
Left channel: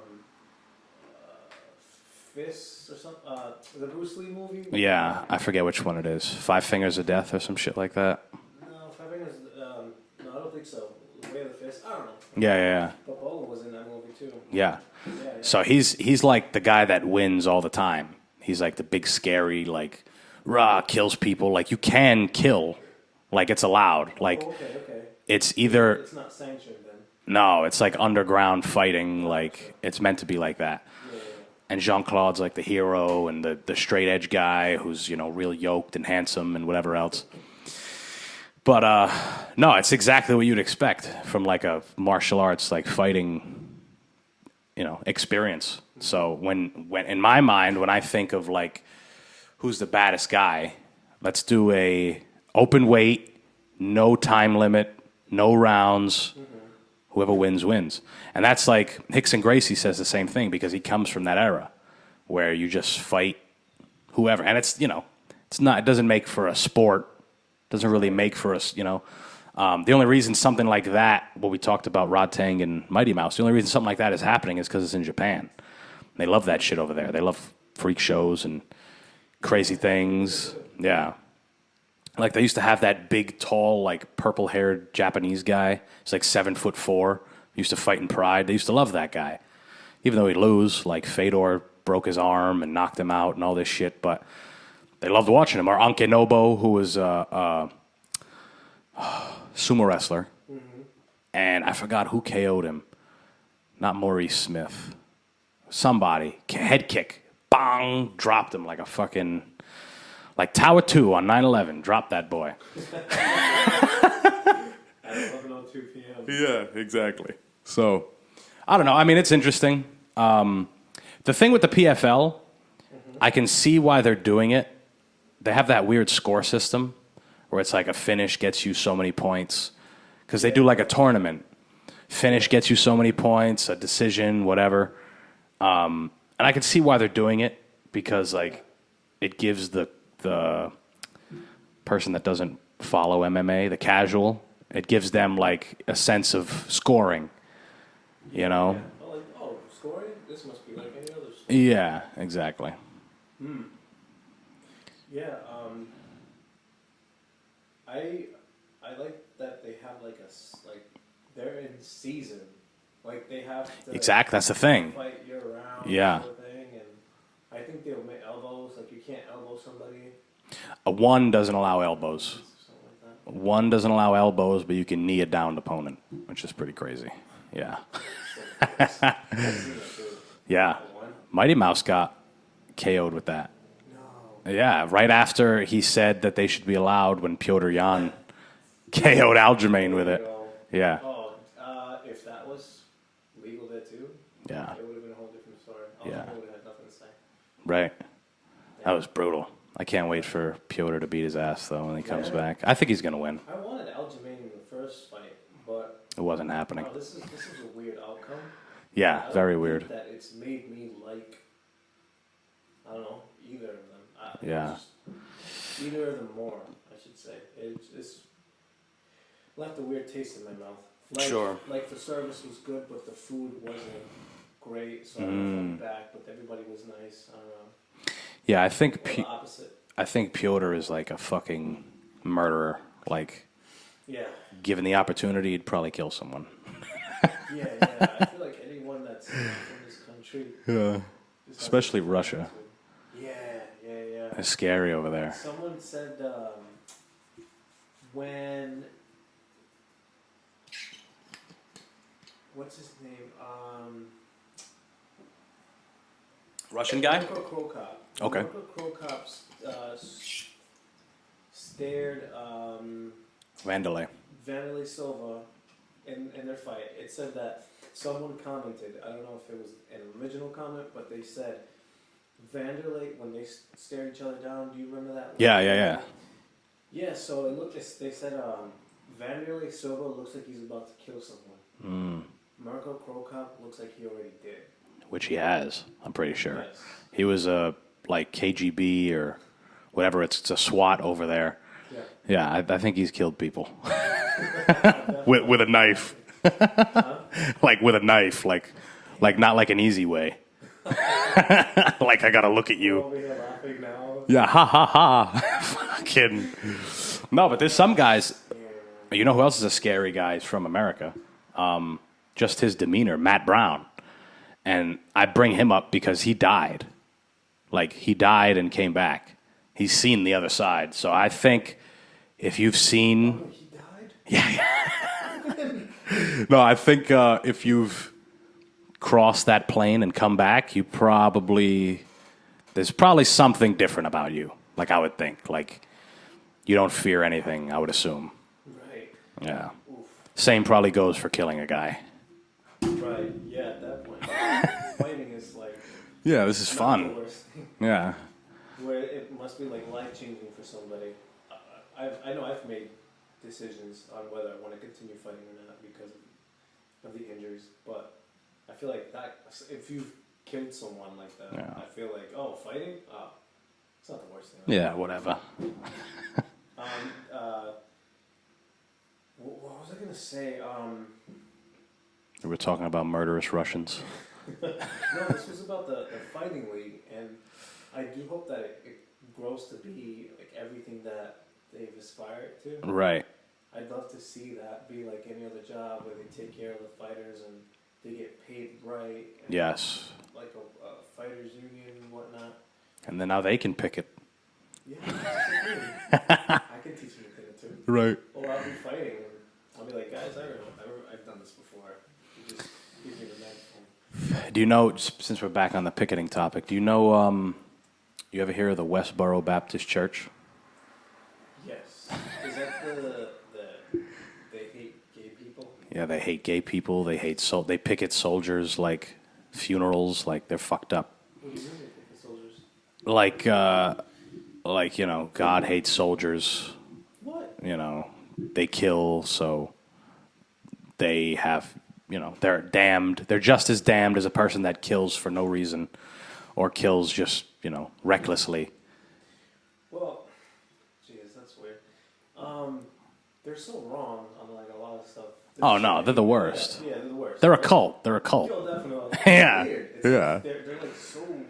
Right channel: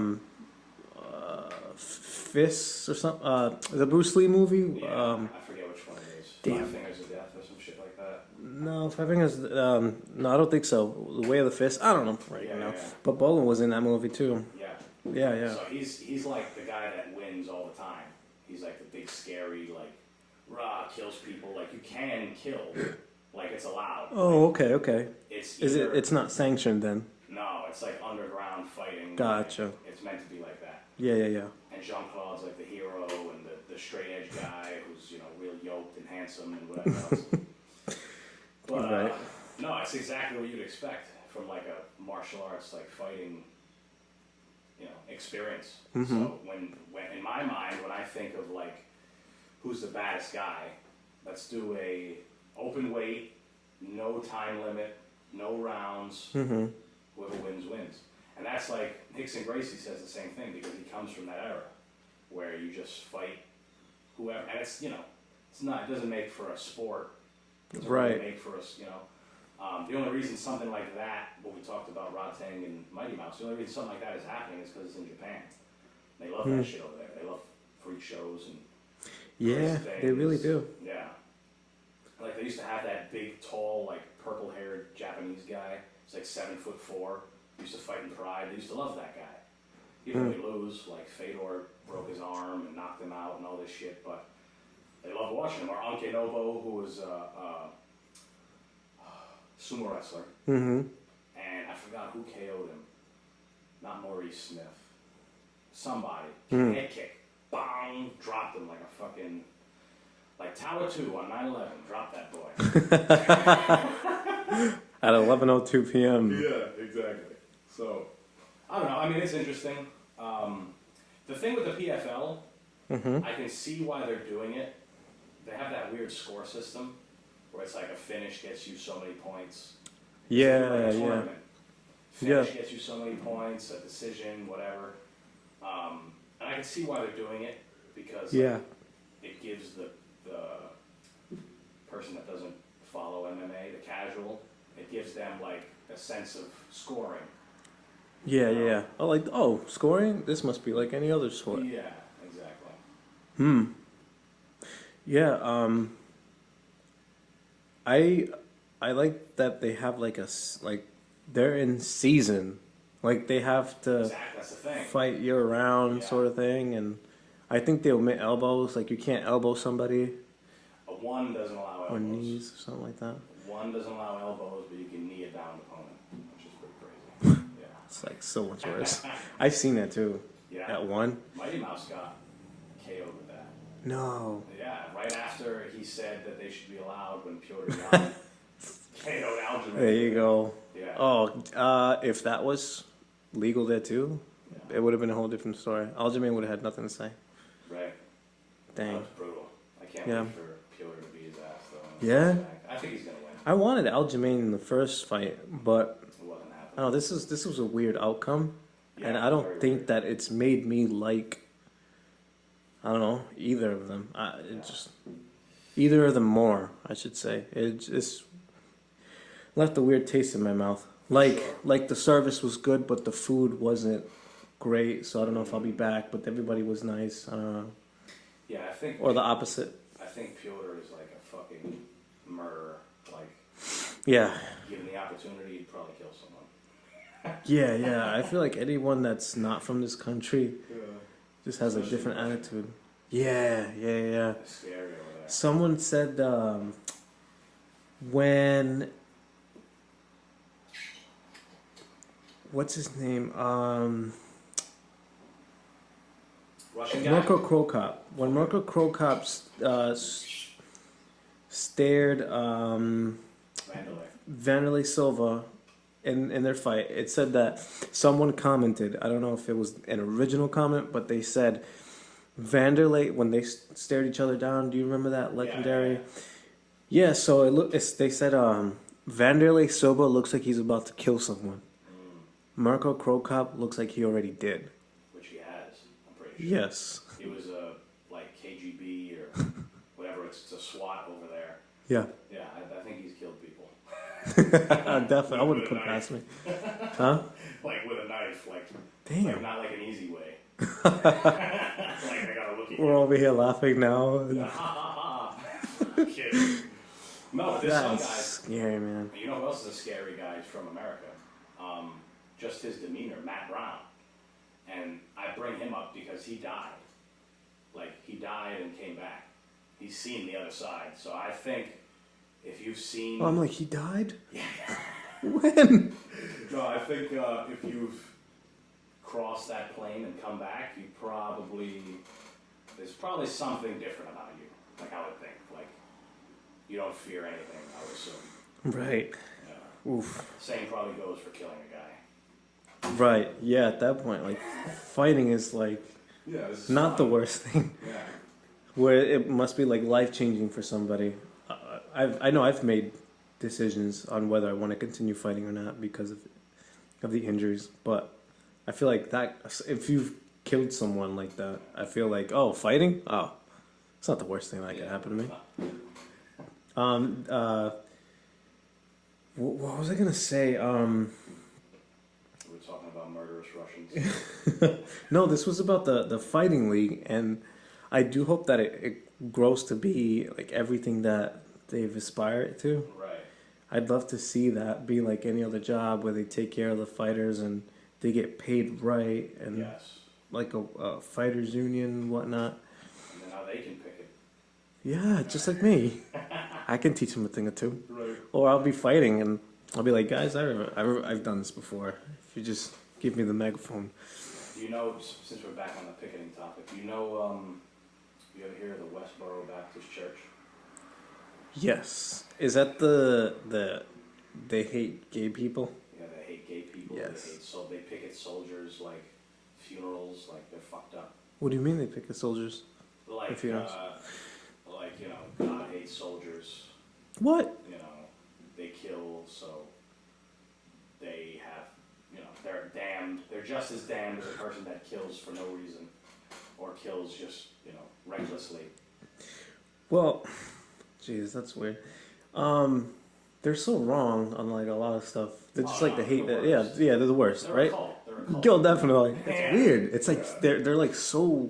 Fists or something. The Bruce Lee movie. Yeah, I forget which one it is. Five Fingers of Death or some shit like that. No, Five Fingers. No, I don't think so. The Way of the Fist. I don't know. Yeah. But Bolo was in that movie too. Yeah. Yeah. So he's like the guy that wins all the time. He's like the big scary like kills people. Like you can kill, like it's allowed. Oh, like okay. it's either it's not sanctioned then. no, it's like underground fighting. Gotcha. Like it's meant to be like that. Yeah. And Jean-Claude's like the hero and the straight edge guy who's real yoked and handsome and whatever else. But no, it's exactly what you'd expect from like a martial arts like fighting experience. Mm-hmm. So when in my mind, when I think of like who's the baddest guy, let's do a open weight, no time limit, no rounds. Mm-hmm. Whoever wins. And that's like Hickson Gracie says the same thing because he comes from that era where you just fight whoever. And it's it doesn't make for a sport. Doesn't really make for us, the only reason something like that, what we talked about Rod Tang and Mighty Mouse, the only reason something like that is happening is because it's in Japan. They love that shit over there. They love freak shows and crazy things. They really do. Yeah. Like they used to have that big, tall, like purple-haired Japanese guy. He's like 7'4". Used to fight in Pride. They used to love that guy. Even though he'd lose, like Fedor broke his arm and knocked him out and all this shit, but they loved watching him. Or Anke Nobo, who was a sumo wrestler. Mm-hmm. And I forgot who KO'd him. Not Maurice Smith. Somebody. Head kick. Bang! Dropped him like a fucking... Like Tower 2 on 9/11. Dropped that boy. At 11:02 p.m. Yeah, exactly. So, I don't know. I mean, it's interesting. The thing with the PFL, I can see why they're doing it. They have that weird score system where it's like a finish gets you so many points. Because they do like a tournament. Finish gets you so many points, a decision, whatever. And I can see why they're doing it because it gives the person that doesn't follow MMA, the casual, it gives them like a sense of scoring. Yeah. Oh, scoring? This must be like any other sport. Yeah, exactly. Yeah, I like that they have they're in season, like they have to Exactly, that's the thing. fight year round sort of thing, and I think they omit elbows. Like you can't elbow somebody. One doesn't allow Or elbows. knees or something like that. One doesn't allow elbows, but you can knee a downed opponent, which is pretty crazy. Yeah. That's so much worse. I've seen that too. Yeah. That one. Mighty Mouse got KO'd with that. No. Yeah, right after he said that they should be allowed when Piotr Jan KO'd Aljamain with There it. you go. Yeah. Oh, if that was legal there too, Yeah. it would have been a whole different story. Aljamain would have had nothing to say. Right. Damn. That was brutal. I can't wait for Piotr to beat his ass, though, when he comes back. I think he's going to win. I wanted Aljamain in the first fight, but It wasn't happening. no, this was a weird outcome. Yeah, and I don't very think weird. that it's made me like. I don't know either of them. Either of them more, I should say. It just left a weird taste in my mouth. Like the service was good, but the food wasn't great. So I don't know if I'll be back. But everybody was nice. I don't know. Yeah, I think... Or the opposite. I think Piotr is like a fucking murderer. Like, Yeah. given the opportunity, he'd probably kill someone. Yeah. I feel like anyone that's not from this country just has Especially a different Russia. attitude. Yeah. It's scary over there. Someone said when... What's his name? Russian Marco Krokop. When Okay. Marco Krokop stared Vanderlei. Vanderlei Silva in their fight. It said that someone commented. I don't know if it was an original comment, but they said Vanderlei when they stared each other down. Do you remember that? Yeah. Yeah. So they said Vanderlei Silva looks like he's about to kill someone. Marco Krokop looks like he already did. Which he has, I'm pretty sure. Yes. He was a like KGB or whatever. It's a SWAT over there. Yeah. Yeah, I think he's killed people Definitely. with a knife. Like with a knife, like not like an easy way. Like I gotta look at We're you. over here laughing now. Yeah, ha ha ha. Kidding. No, but there's some guys. Scary, man. You know who else is a scary guy from America? Just his demeanor, Matt Brown. And I bring him up because he died. Like, he died and came back. He's seen the other side. So I think if you've seen... I'm like, he died? No, I think if you've crossed that plane and come back, you probably... There's probably something different about you. Like, I would think. Like, you don't fear anything, I would assume. Right. Yeah. Oof. Same probably goes for killing a guy. Right. Yeah, at that point, like, fighting is like Yeah, this is not fun. the worst thing. Yeah. Where it must be like life changing for somebody. I know I've made decisions on whether I want to continue fighting or not because of the injuries. But I feel like that if you've killed someone like that, Yeah. I feel like fighting, it's not the worst thing. That can Yeah, happen to me. whatever. What was I gonna say? We were talking about murderous Russians. No, this was about the fighting league, and I do hope that it grows to be like everything that they've aspired to. Right. I'd love to see that be like any other job where they take care of the fighters and they get paid right. And Yes. Like a fighters union and whatnot. And then now they can pick it. Yeah, just like me. I can teach them a thing or two. Right. Or I'll be fighting and I'll be like, guys, I've done this before. You just give me the megaphone. Do you know, since we're back on the picketing topic, do you know, you ever hear of the Westboro Baptist Church? Yes. Is that the they hate gay people? Yeah, they hate gay people. Yes. They picket soldiers like funerals, like they're fucked up. What do you mean they pick the soldiers? Like, you know, God hates soldiers. What? You know, they kill, so they have, you know, they're damned. They're just as damned as a person that kills for no reason or kills just, you know, recklessly. Well, jeez, that's weird. They're so wrong on like a lot of stuff. Oh, no, they're the worst. Yeah, they're the worst. They're right? a cult. They're a cult. Yo, definitely. Yeah. It's weird. It's Yeah. like they're like so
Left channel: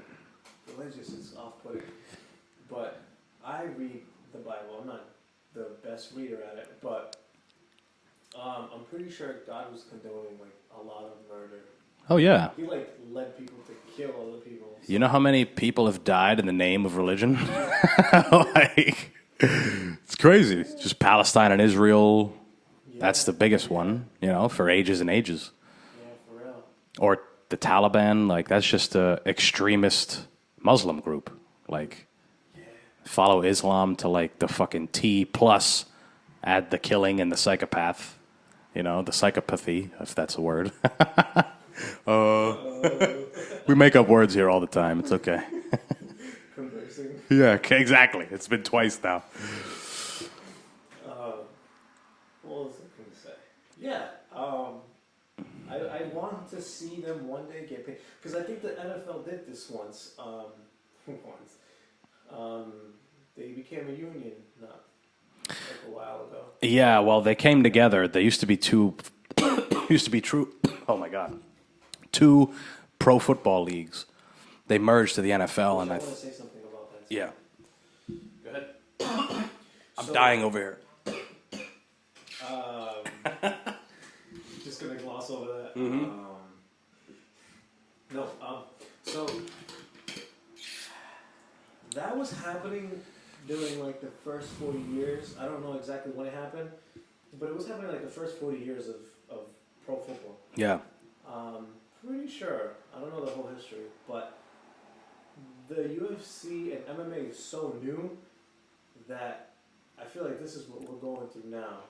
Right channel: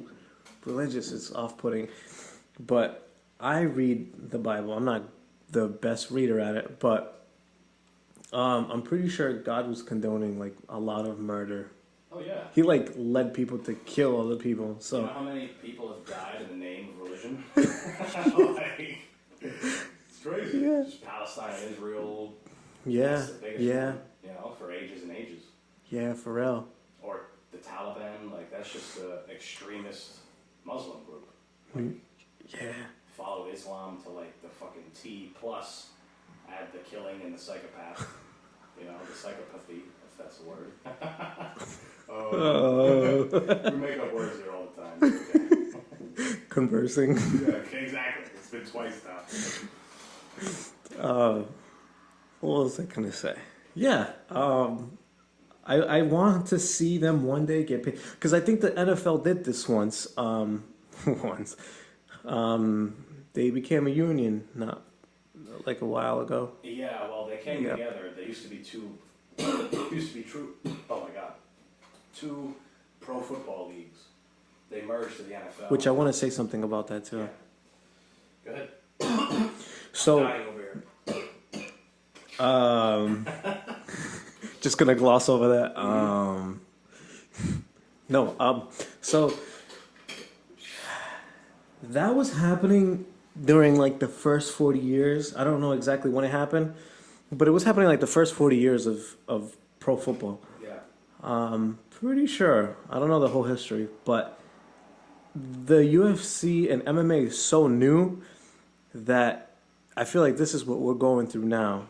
religious. It's off-putting. But I read the Bible. I'm not the best reader at it, but I'm pretty sure God was condoning like a lot of murder. Oh, yeah. He like led people to kill other people. So. You know how many people have died in the name of religion? Like, it's crazy. Yeah. Just Palestine and Israel. Yeah, That's the biggest yeah. one, you know, for ages and ages. Yeah, for real. Or the Taliban, like, that's just a extremist Muslim group. Like, Yeah. follow Islam to, like, the fucking T plus add the killing and the psychopath. You know, the psychopathy, if that's a word. We make up words here all the time. It's okay. Conversing. Yeah, exactly. It's been twice now. What was I gonna say? Yeah, I want to see them one day get paid because I think the NFL did this once. Once, they became a union not like a while ago. Yeah, well, they came together. There used to be two. Oh my god, two pro football leagues. They merged to the NFL. Which I want to say something about that too. Yeah. Go ahead. So, I'm dying over here. Just gonna gloss over that. So that was happening during like the first 40 years. I don't know exactly when it happened, but it was happening like the first 40 years of pro football. Yeah. Pretty sure. I don't know the whole history, but the UFC and MMA is so new that I feel like this is what we're going through now.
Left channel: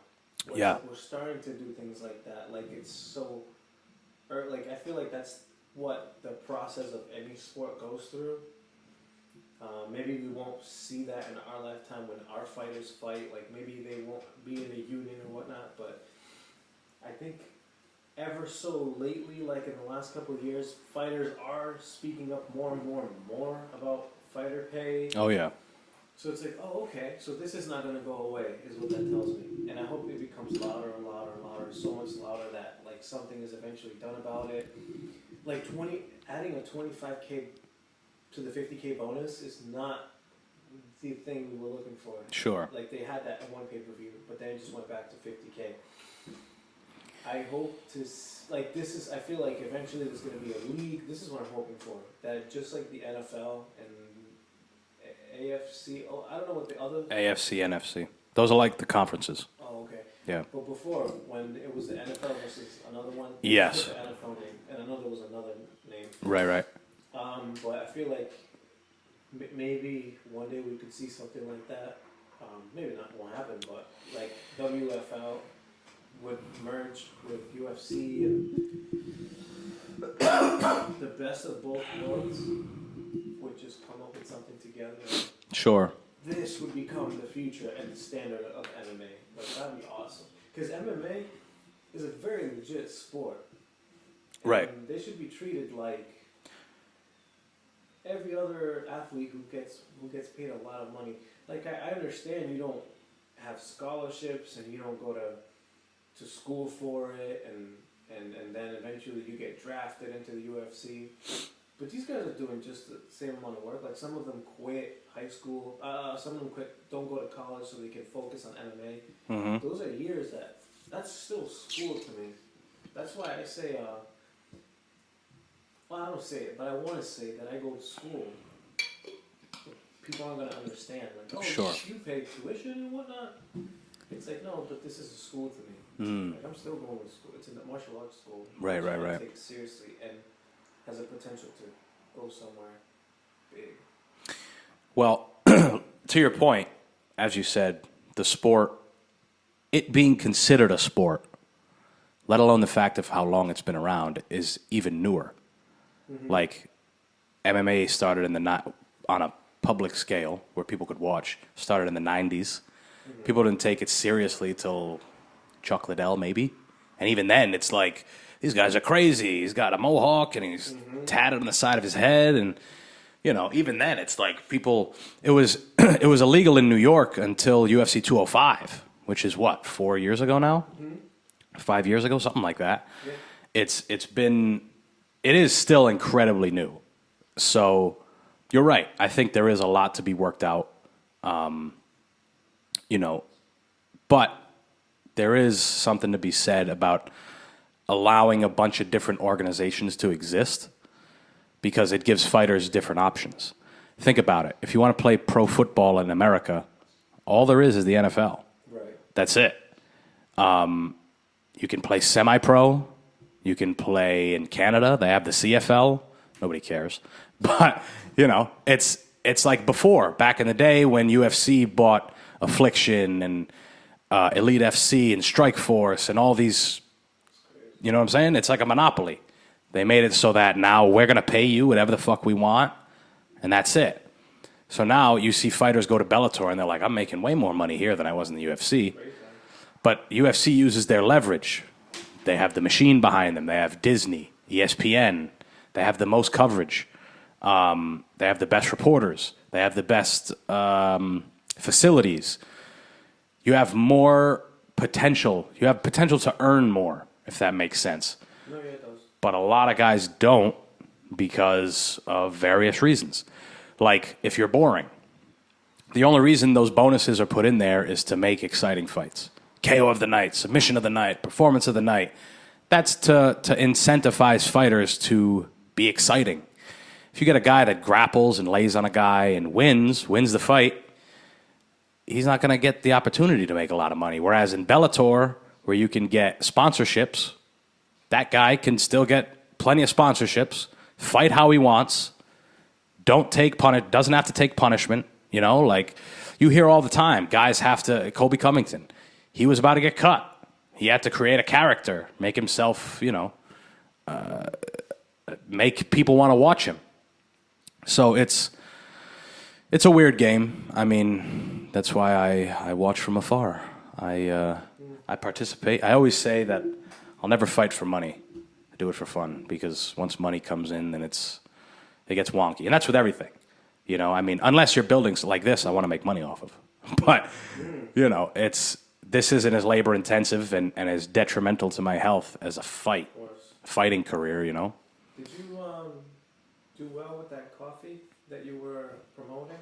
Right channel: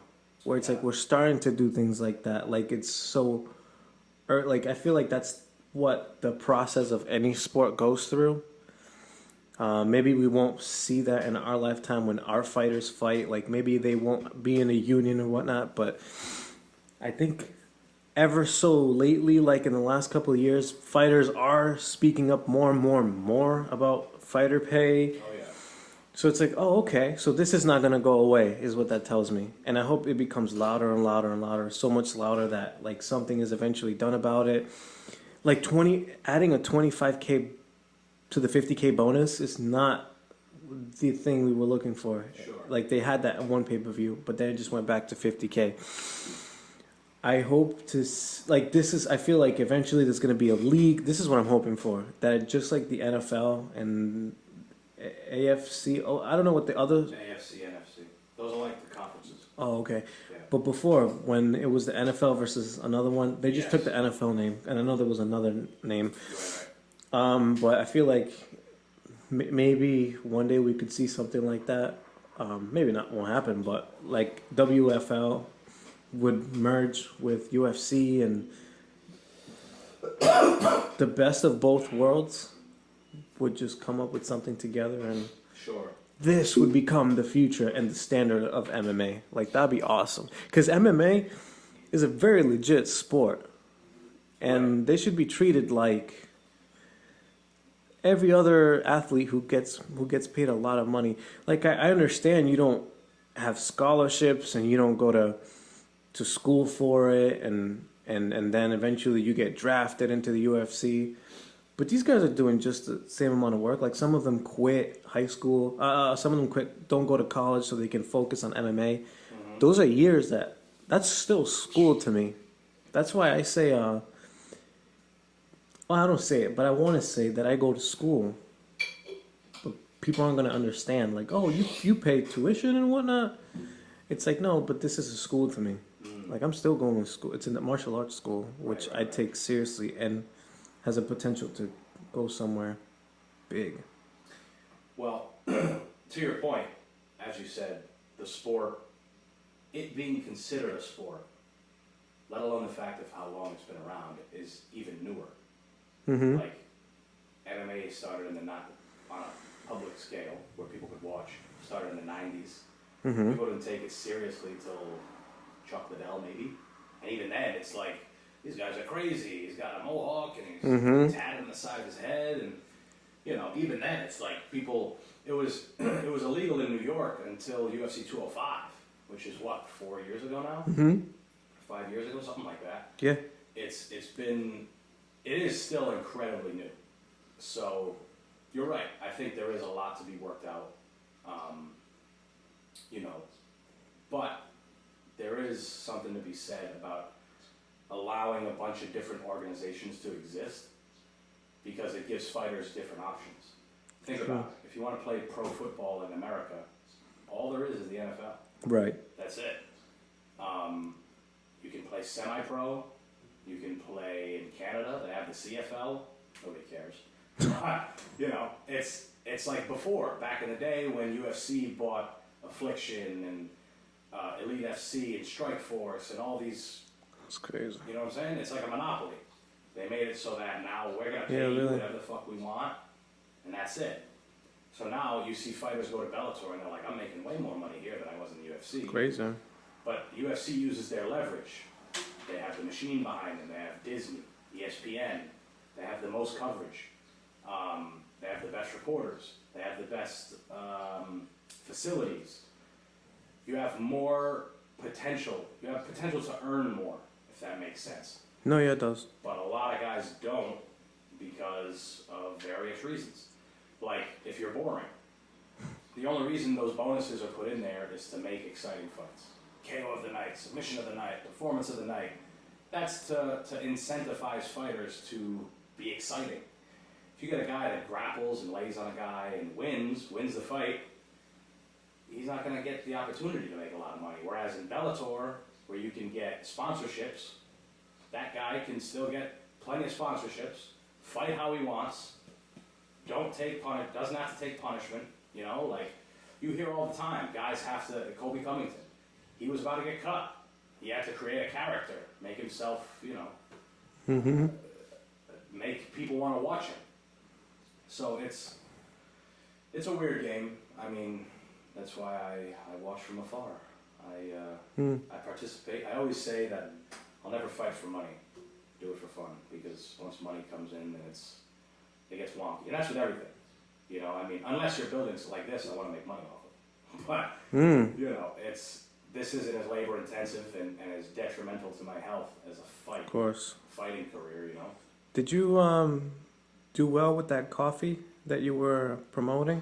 where it's Yeah. like we're starting to do things like that. Like it's so, or like I feel like that's what the process of any sport goes through. Maybe we won't see that in our lifetime when our fighters fight. Like maybe they won't be in a union or whatnot. But I think ever so lately, like in the last couple of years, fighters are speaking up more and more and more about fighter pay. Oh yeah. So it's like, oh, okay. So this is not gonna go away, is what that tells me. And I hope it becomes louder and louder and louder, so much louder that like something is eventually done about it. Like adding a 25K to the 50K bonus is not the thing we were looking for. Sure. Like they had that at one pay-per-view, but then it just went back to 50K. I hope to like this is. I feel like eventually there's gonna be a league. This is what I'm hoping for. That just like the NFL and AFC. Oh, I don't know what the other. AFC, NFC. Those are like the conferences. Oh, okay. Yeah. But before, when it was the NFL versus another one, they Yes. just took the NFL name, and I know there was another name. Right. But I feel like maybe one day we could see something like that. Maybe not won't happen, but like WFL would merge with UFC and the best of both worlds would just come up with something together, and Sure. this would become the future and the standard of MMA. Like that'd be awesome, because MMA is a very legit sport, and Right. they should be treated like every other athlete who gets paid a lot of money. Like I understand you don't have scholarships and you don't go to school for it, and then eventually you get drafted into the UFC. But these guys are doing just the same amount of work. Like some of them quit high school. Some of them don't go to college so they can focus on MMA. Mm-hmm. Those are years that's still school to me. That's why I say, well, I don't say it, but I want to say that I go to school. But people aren't going to understand. Like, oh, Sure. you pay tuition and whatnot. It's like, no, but this is a school to me. Like, I'm still going to school. It's in the martial arts school, which I Right. take seriously and has a potential to go somewhere big. Well, to your point, as you said, the sport, it being considered a sport, let alone the fact of how long it's been around, is even newer. Like MMA started on a public scale where people could watch. Started in the 90s. People didn't take it seriously till Chuck Liddell, maybe. And even then, it's like, these guys are crazy. He's got a mohawk and he's tatted on the side of his head. And, you know, even then, it's like people... It was it was illegal in New York until UFC 205, which is what, 4 years ago now? 5 years ago, something like that. Yeah. It is still incredibly new. So you're right. I think there is a lot to be worked out. But there is something to be said about allowing a bunch of different organizations to exist because it gives fighters different options. Think about it. If you want to play pro football in America, all there is the NFL. Right. That's it. You can play semi-pro. You can play in Canada. They have the CFL. Nobody cares. But, it's like before, back in the day when UFC bought Affliction and Elite FC and Strikeforce and all these, It's crazy. you know what I'm saying? It's like a monopoly. They made it so that now we're going to pay you whatever the fuck we want, and that's it. So now you see fighters go to Bellator, and they're like, I'm making way more money here than I was in the UFC. Crazy. But UFC uses their leverage. They have the machine behind them. They have Disney, ESPN. They have the most coverage. They have the best reporters. They have the best facilities. You have more potential. You have potential to earn more, if that makes sense. No, yeah, it does. But a lot of guys don't because of various reasons. Like, if you're boring. The only reason those bonuses are put in there is to make exciting fights. KO of the night, submission of the night, performance of the night. That's to incentivize fighters to be exciting. If you get a guy that grapples and lays on a guy and wins the fight, he's not going to get the opportunity to make a lot of money. Whereas in Bellator, where you can get sponsorships, that guy can still get plenty of sponsorships, fight how he wants, doesn't have to take punishment. Like you hear all the time, guys have to. Colby Covington, he was about to get cut. he had to create a character, make himself, make people want to watch him. So it's a weird game. I mean, that's why I watch from afar. I participate. I always say that I'll never fight for money. I do it for fun, because once money comes in, then it gets wonky, and that's with everything. I mean, unless you're building like this, I want to make money off of. But this isn't as labor intensive and as detrimental to my health as a fighting career. Did you do well with that coffee that you were promoting?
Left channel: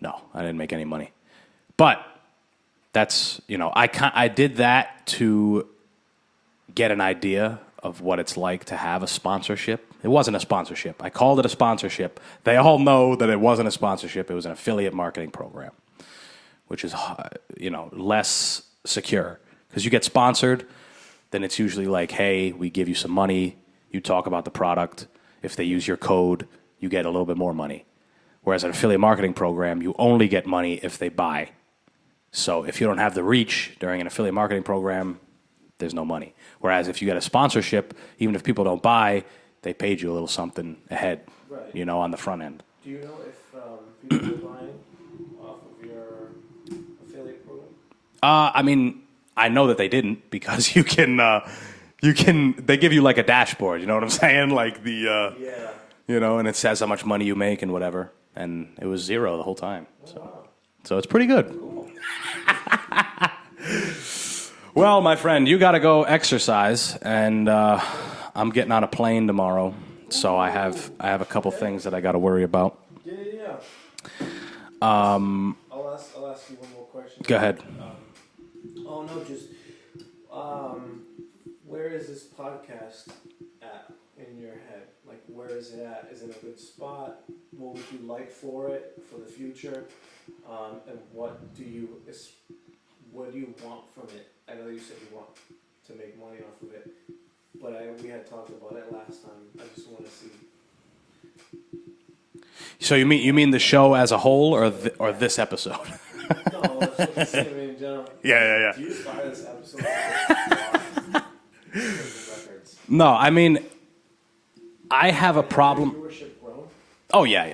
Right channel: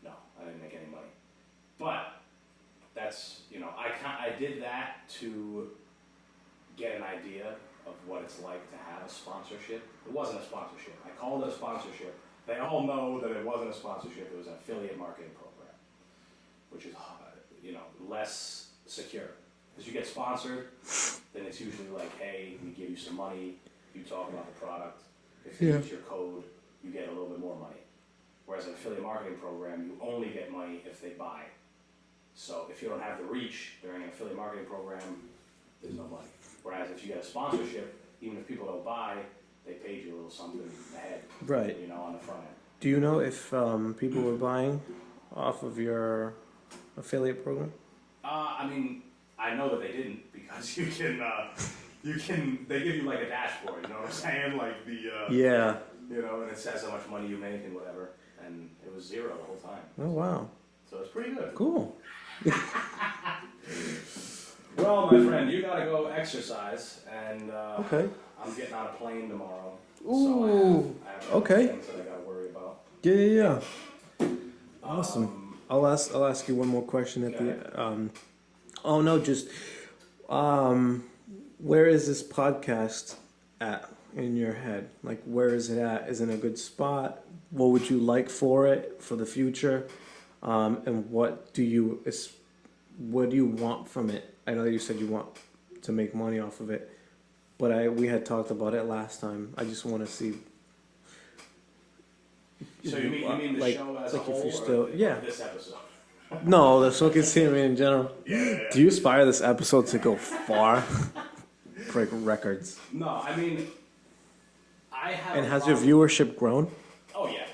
No, I didn't make any money. But that's, I did that to get an idea of what it's like to have a sponsorship. It wasn't a sponsorship. I called it a sponsorship. They all know that it wasn't a sponsorship. It was an affiliate marketing program, which is, less secure. Because you get sponsored, then it's usually like, hey, we give you some money. You talk about the product. If they use your code, you get a little bit more money. Whereas an affiliate marketing program, you only get money if they buy. So if you don't have the reach during an affiliate marketing program, there's no money. Whereas if you get a sponsorship, even if people don't buy, they paid you a little something ahead, right? On the front end. Do you know if people were buying off of your affiliate program? I mean, I know that they didn't, because they give you like a dashboard, you know what I'm saying? Like and it says how much money you make and whatever. And it was zero the whole time. Oh, wow. So it's pretty good. Cool. Well, my friend, you got to go exercise, and I'm getting on a plane tomorrow. So I have a couple things that I got to worry about. Yeah. I'll ask you one more question. Go ahead. Where is this podcast at in your head? Like, where is it at? Is it in a good spot? What would you like for it for the future? And what do you want from it? I know that you said you want to make money off of it, but we had talked about it last time. I just want to see. So you mean the show as a whole, or this episode? No, the show can see me in general. Yeah. Do you aspire this episode to go far? Break records. No, I mean, I have a problem. Has your viewership grown? Oh yeah,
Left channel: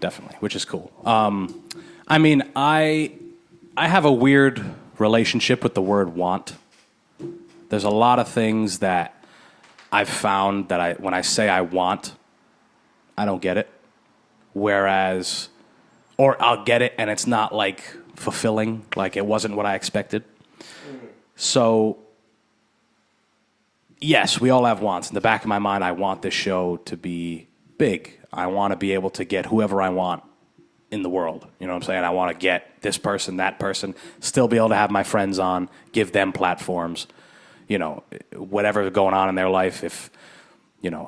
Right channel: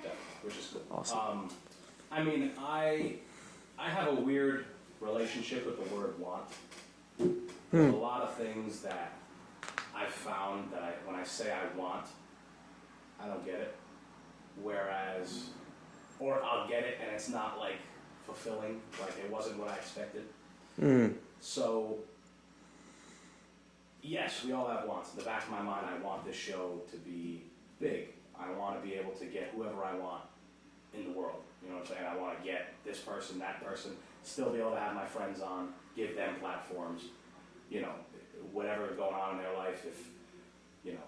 definitely, which is cool. Awesome. I mean, I have a weird relationship with the word want. There's a lot of things that I've found that when I say I want, I don't get it. Whereas, or I'll get it and it's not like fulfilling, like it wasn't what I expected. So, yes, we all have wants. In the back of my mind, I want this show to be big. I want to be able to get whoever I want in the world. You know what I'm saying? I want to get this person, that person, still be able to have my friends on, give them platforms, whatever's going on in their life. If,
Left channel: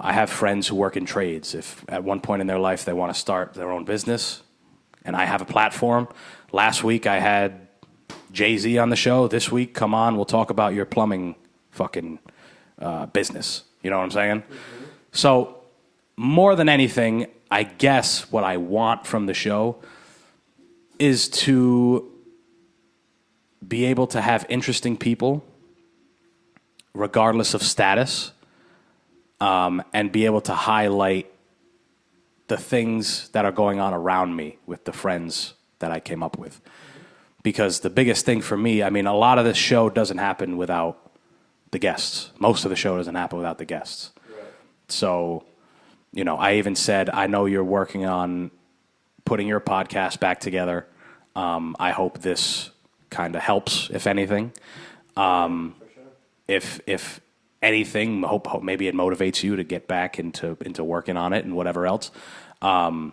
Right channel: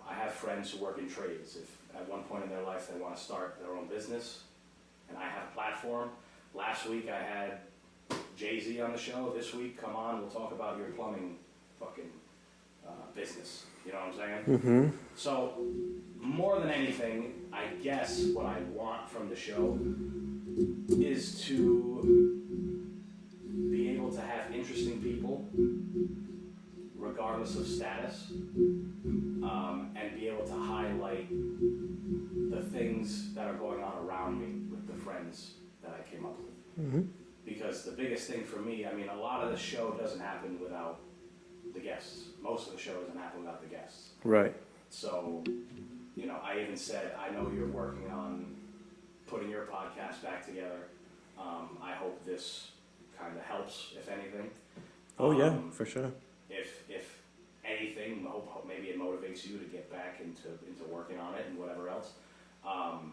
I have friends who work in trades. If at one point in their life they want to start their own business and I have a platform. Last week I had Jay-Z on the show. This week, come on, we'll talk about your plumbing fucking business. You know what I'm saying? Mm-hmm. So more than anything, I guess what I want from the show is to be able to have interesting people, regardless of status, and be able to highlight the things that are going on around me with the friends that I came up with. Mm-hmm. Because the biggest thing for me, I mean, a lot of this show doesn't happen without the guests. Most of the show doesn't happen without the guests. Right. So, I even said, I know you're working on putting your podcast back together. I hope this kind of helps, if anything. For sure. If anything, hope maybe it motivates you to get back into working on it and whatever else. But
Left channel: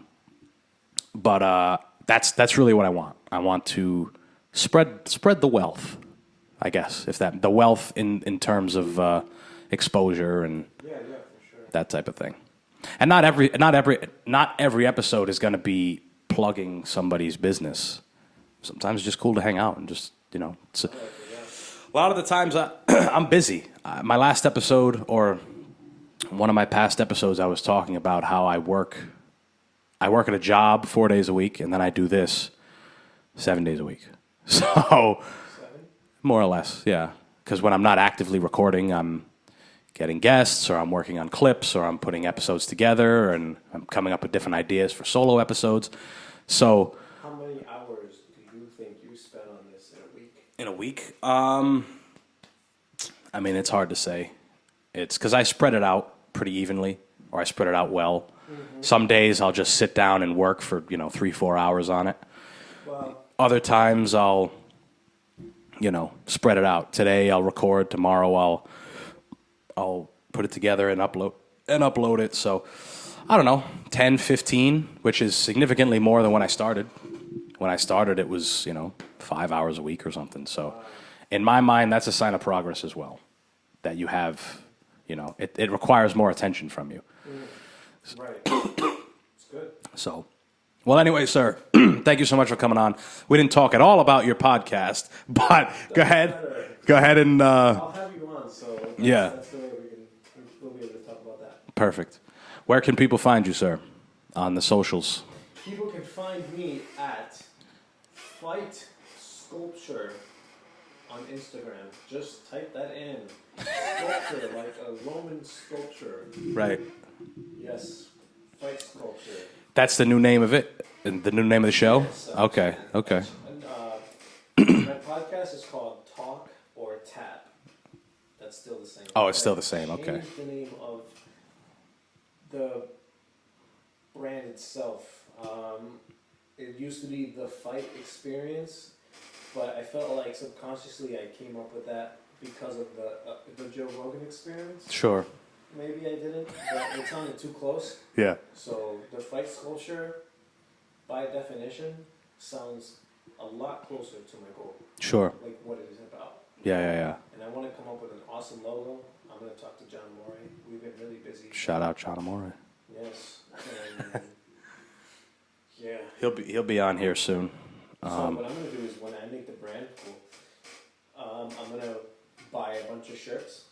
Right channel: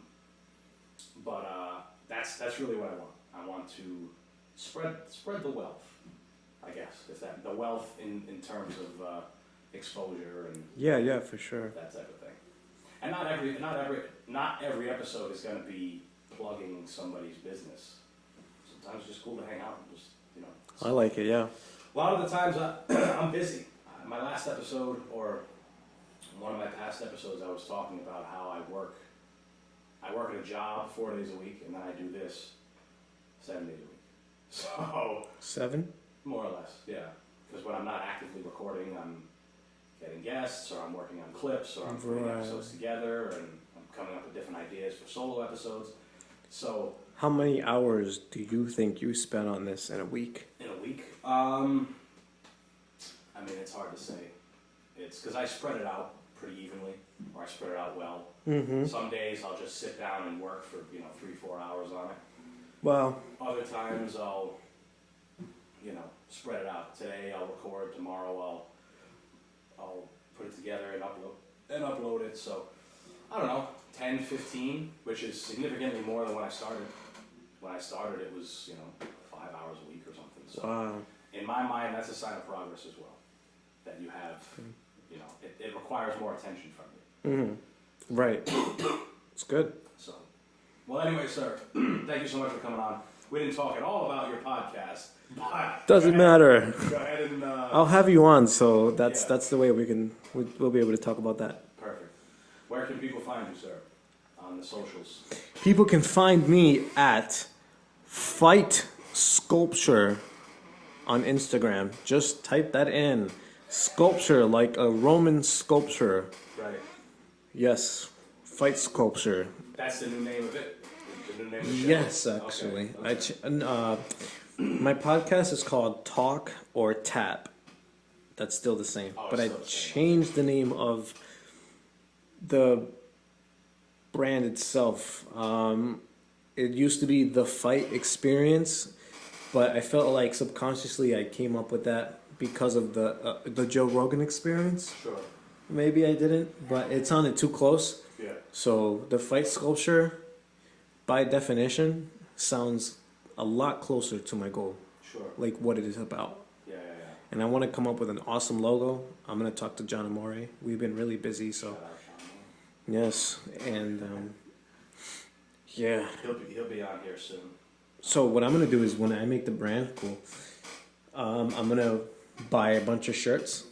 that's really what I want. I want to spread the wealth, I guess, the wealth in terms of exposure and for sure, that type of thing. And not every episode is going to be plugging somebody's business. Sometimes it's just cool to hang out and just I like it. Yeah. A lot of the times I'm busy. My last episode, or one of my past episodes, I was talking about how I work at a job 4 days a week, and then I do this 7 days a week. So 7? More or less, yeah. because when I'm not actively recording, I'm getting guests, or I'm working on clips, or I'm putting episodes together, and I'm coming up with different ideas for solo episodes. So, How many hours do you think you spent on this in a week? in a week, I mean, it's hard to say. It's because I spread it out pretty evenly, or I spread it out well. Some days I'll just sit down and work for 3-4 hours on it. Well, Other times I'll spread it out. Today I'll record. Tomorrow I'll put it together and upload it. So I don't know, 10, 15, which is significantly more than when I started. When I started, it was 5 hours a week or something. So in my mind, that's a sign of progress as well. That you have, it requires more attention from you. right. It's good. So, well, anyway, sir, thank you so much for coming on. We didn't talk at all about your podcast, but Doesn't matter. Go ahead and I'll have you on, so Yeah. that's the way we'll be able to talk about that. perfect. Where can people find you, sir? On the socials. People can find me at Fight Sculpture on Instagram. Just type that in. Sculpture, like a Roman sculpture. Right. Yes, Fight Sculpture. That's the new name of it? The new name of the show? Yes, Okay. actually. My podcast is called Talk or Tap. That's still the same. Oh, it's But still I the same, okay. Changed the name of the brand itself. It used to be The Fight Experience, but I felt like subconsciously I came up with that because of the Joe Rogan Experience. Sure. Maybe I didn't, but it sounded too close. Yeah. So the Fight Sculpture, by definition, sounds a lot closer to my goal, Sure. like what it is about. Yeah. And I want to come up with an awesome logo. I'm going to talk to John Amore. We've been really busy. So. Shout out John Amore. Yes, and yeah. He'll be on here soon. So what I'm going to do is when I make the brand, I'm going to buy a bunch of shirts.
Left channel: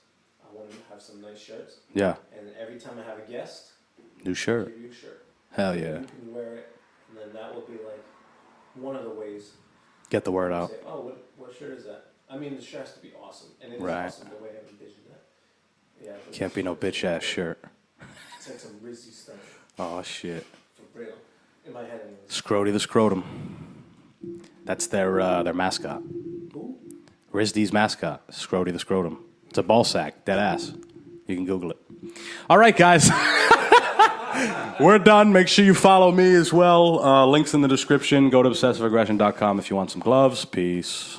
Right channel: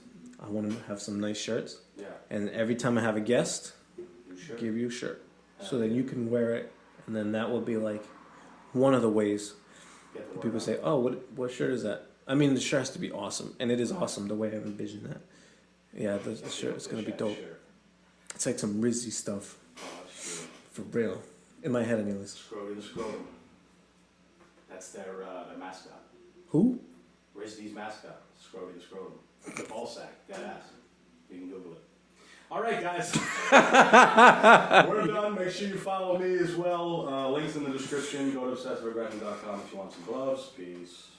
I want to have some nice shirts. Yeah. And every time I have a guest, New shirt. give you a shirt. Hell so yeah. you can wear it, and then that will be like one of the ways Get the word people out. say, "Oh, what shirt is that?" I mean, the shirt has to be awesome, and it is Right. awesome the way I envisioned that. Yeah, the Can't be no shirt is bitch gonna ass be dope. shirt. It's like some Rizzy stuff Oh shit. for real. In my head, anyways. Scrody the Scrotum. That's their mascot. Who? RISD's mascot, Scrody the Scrotum. It's a ball sack, dead ass. You can Google it. All right, guys. We're done. Make sure you follow me as well. Links in the description. Go to obsessiveaggression.com if you want some gloves. Peace.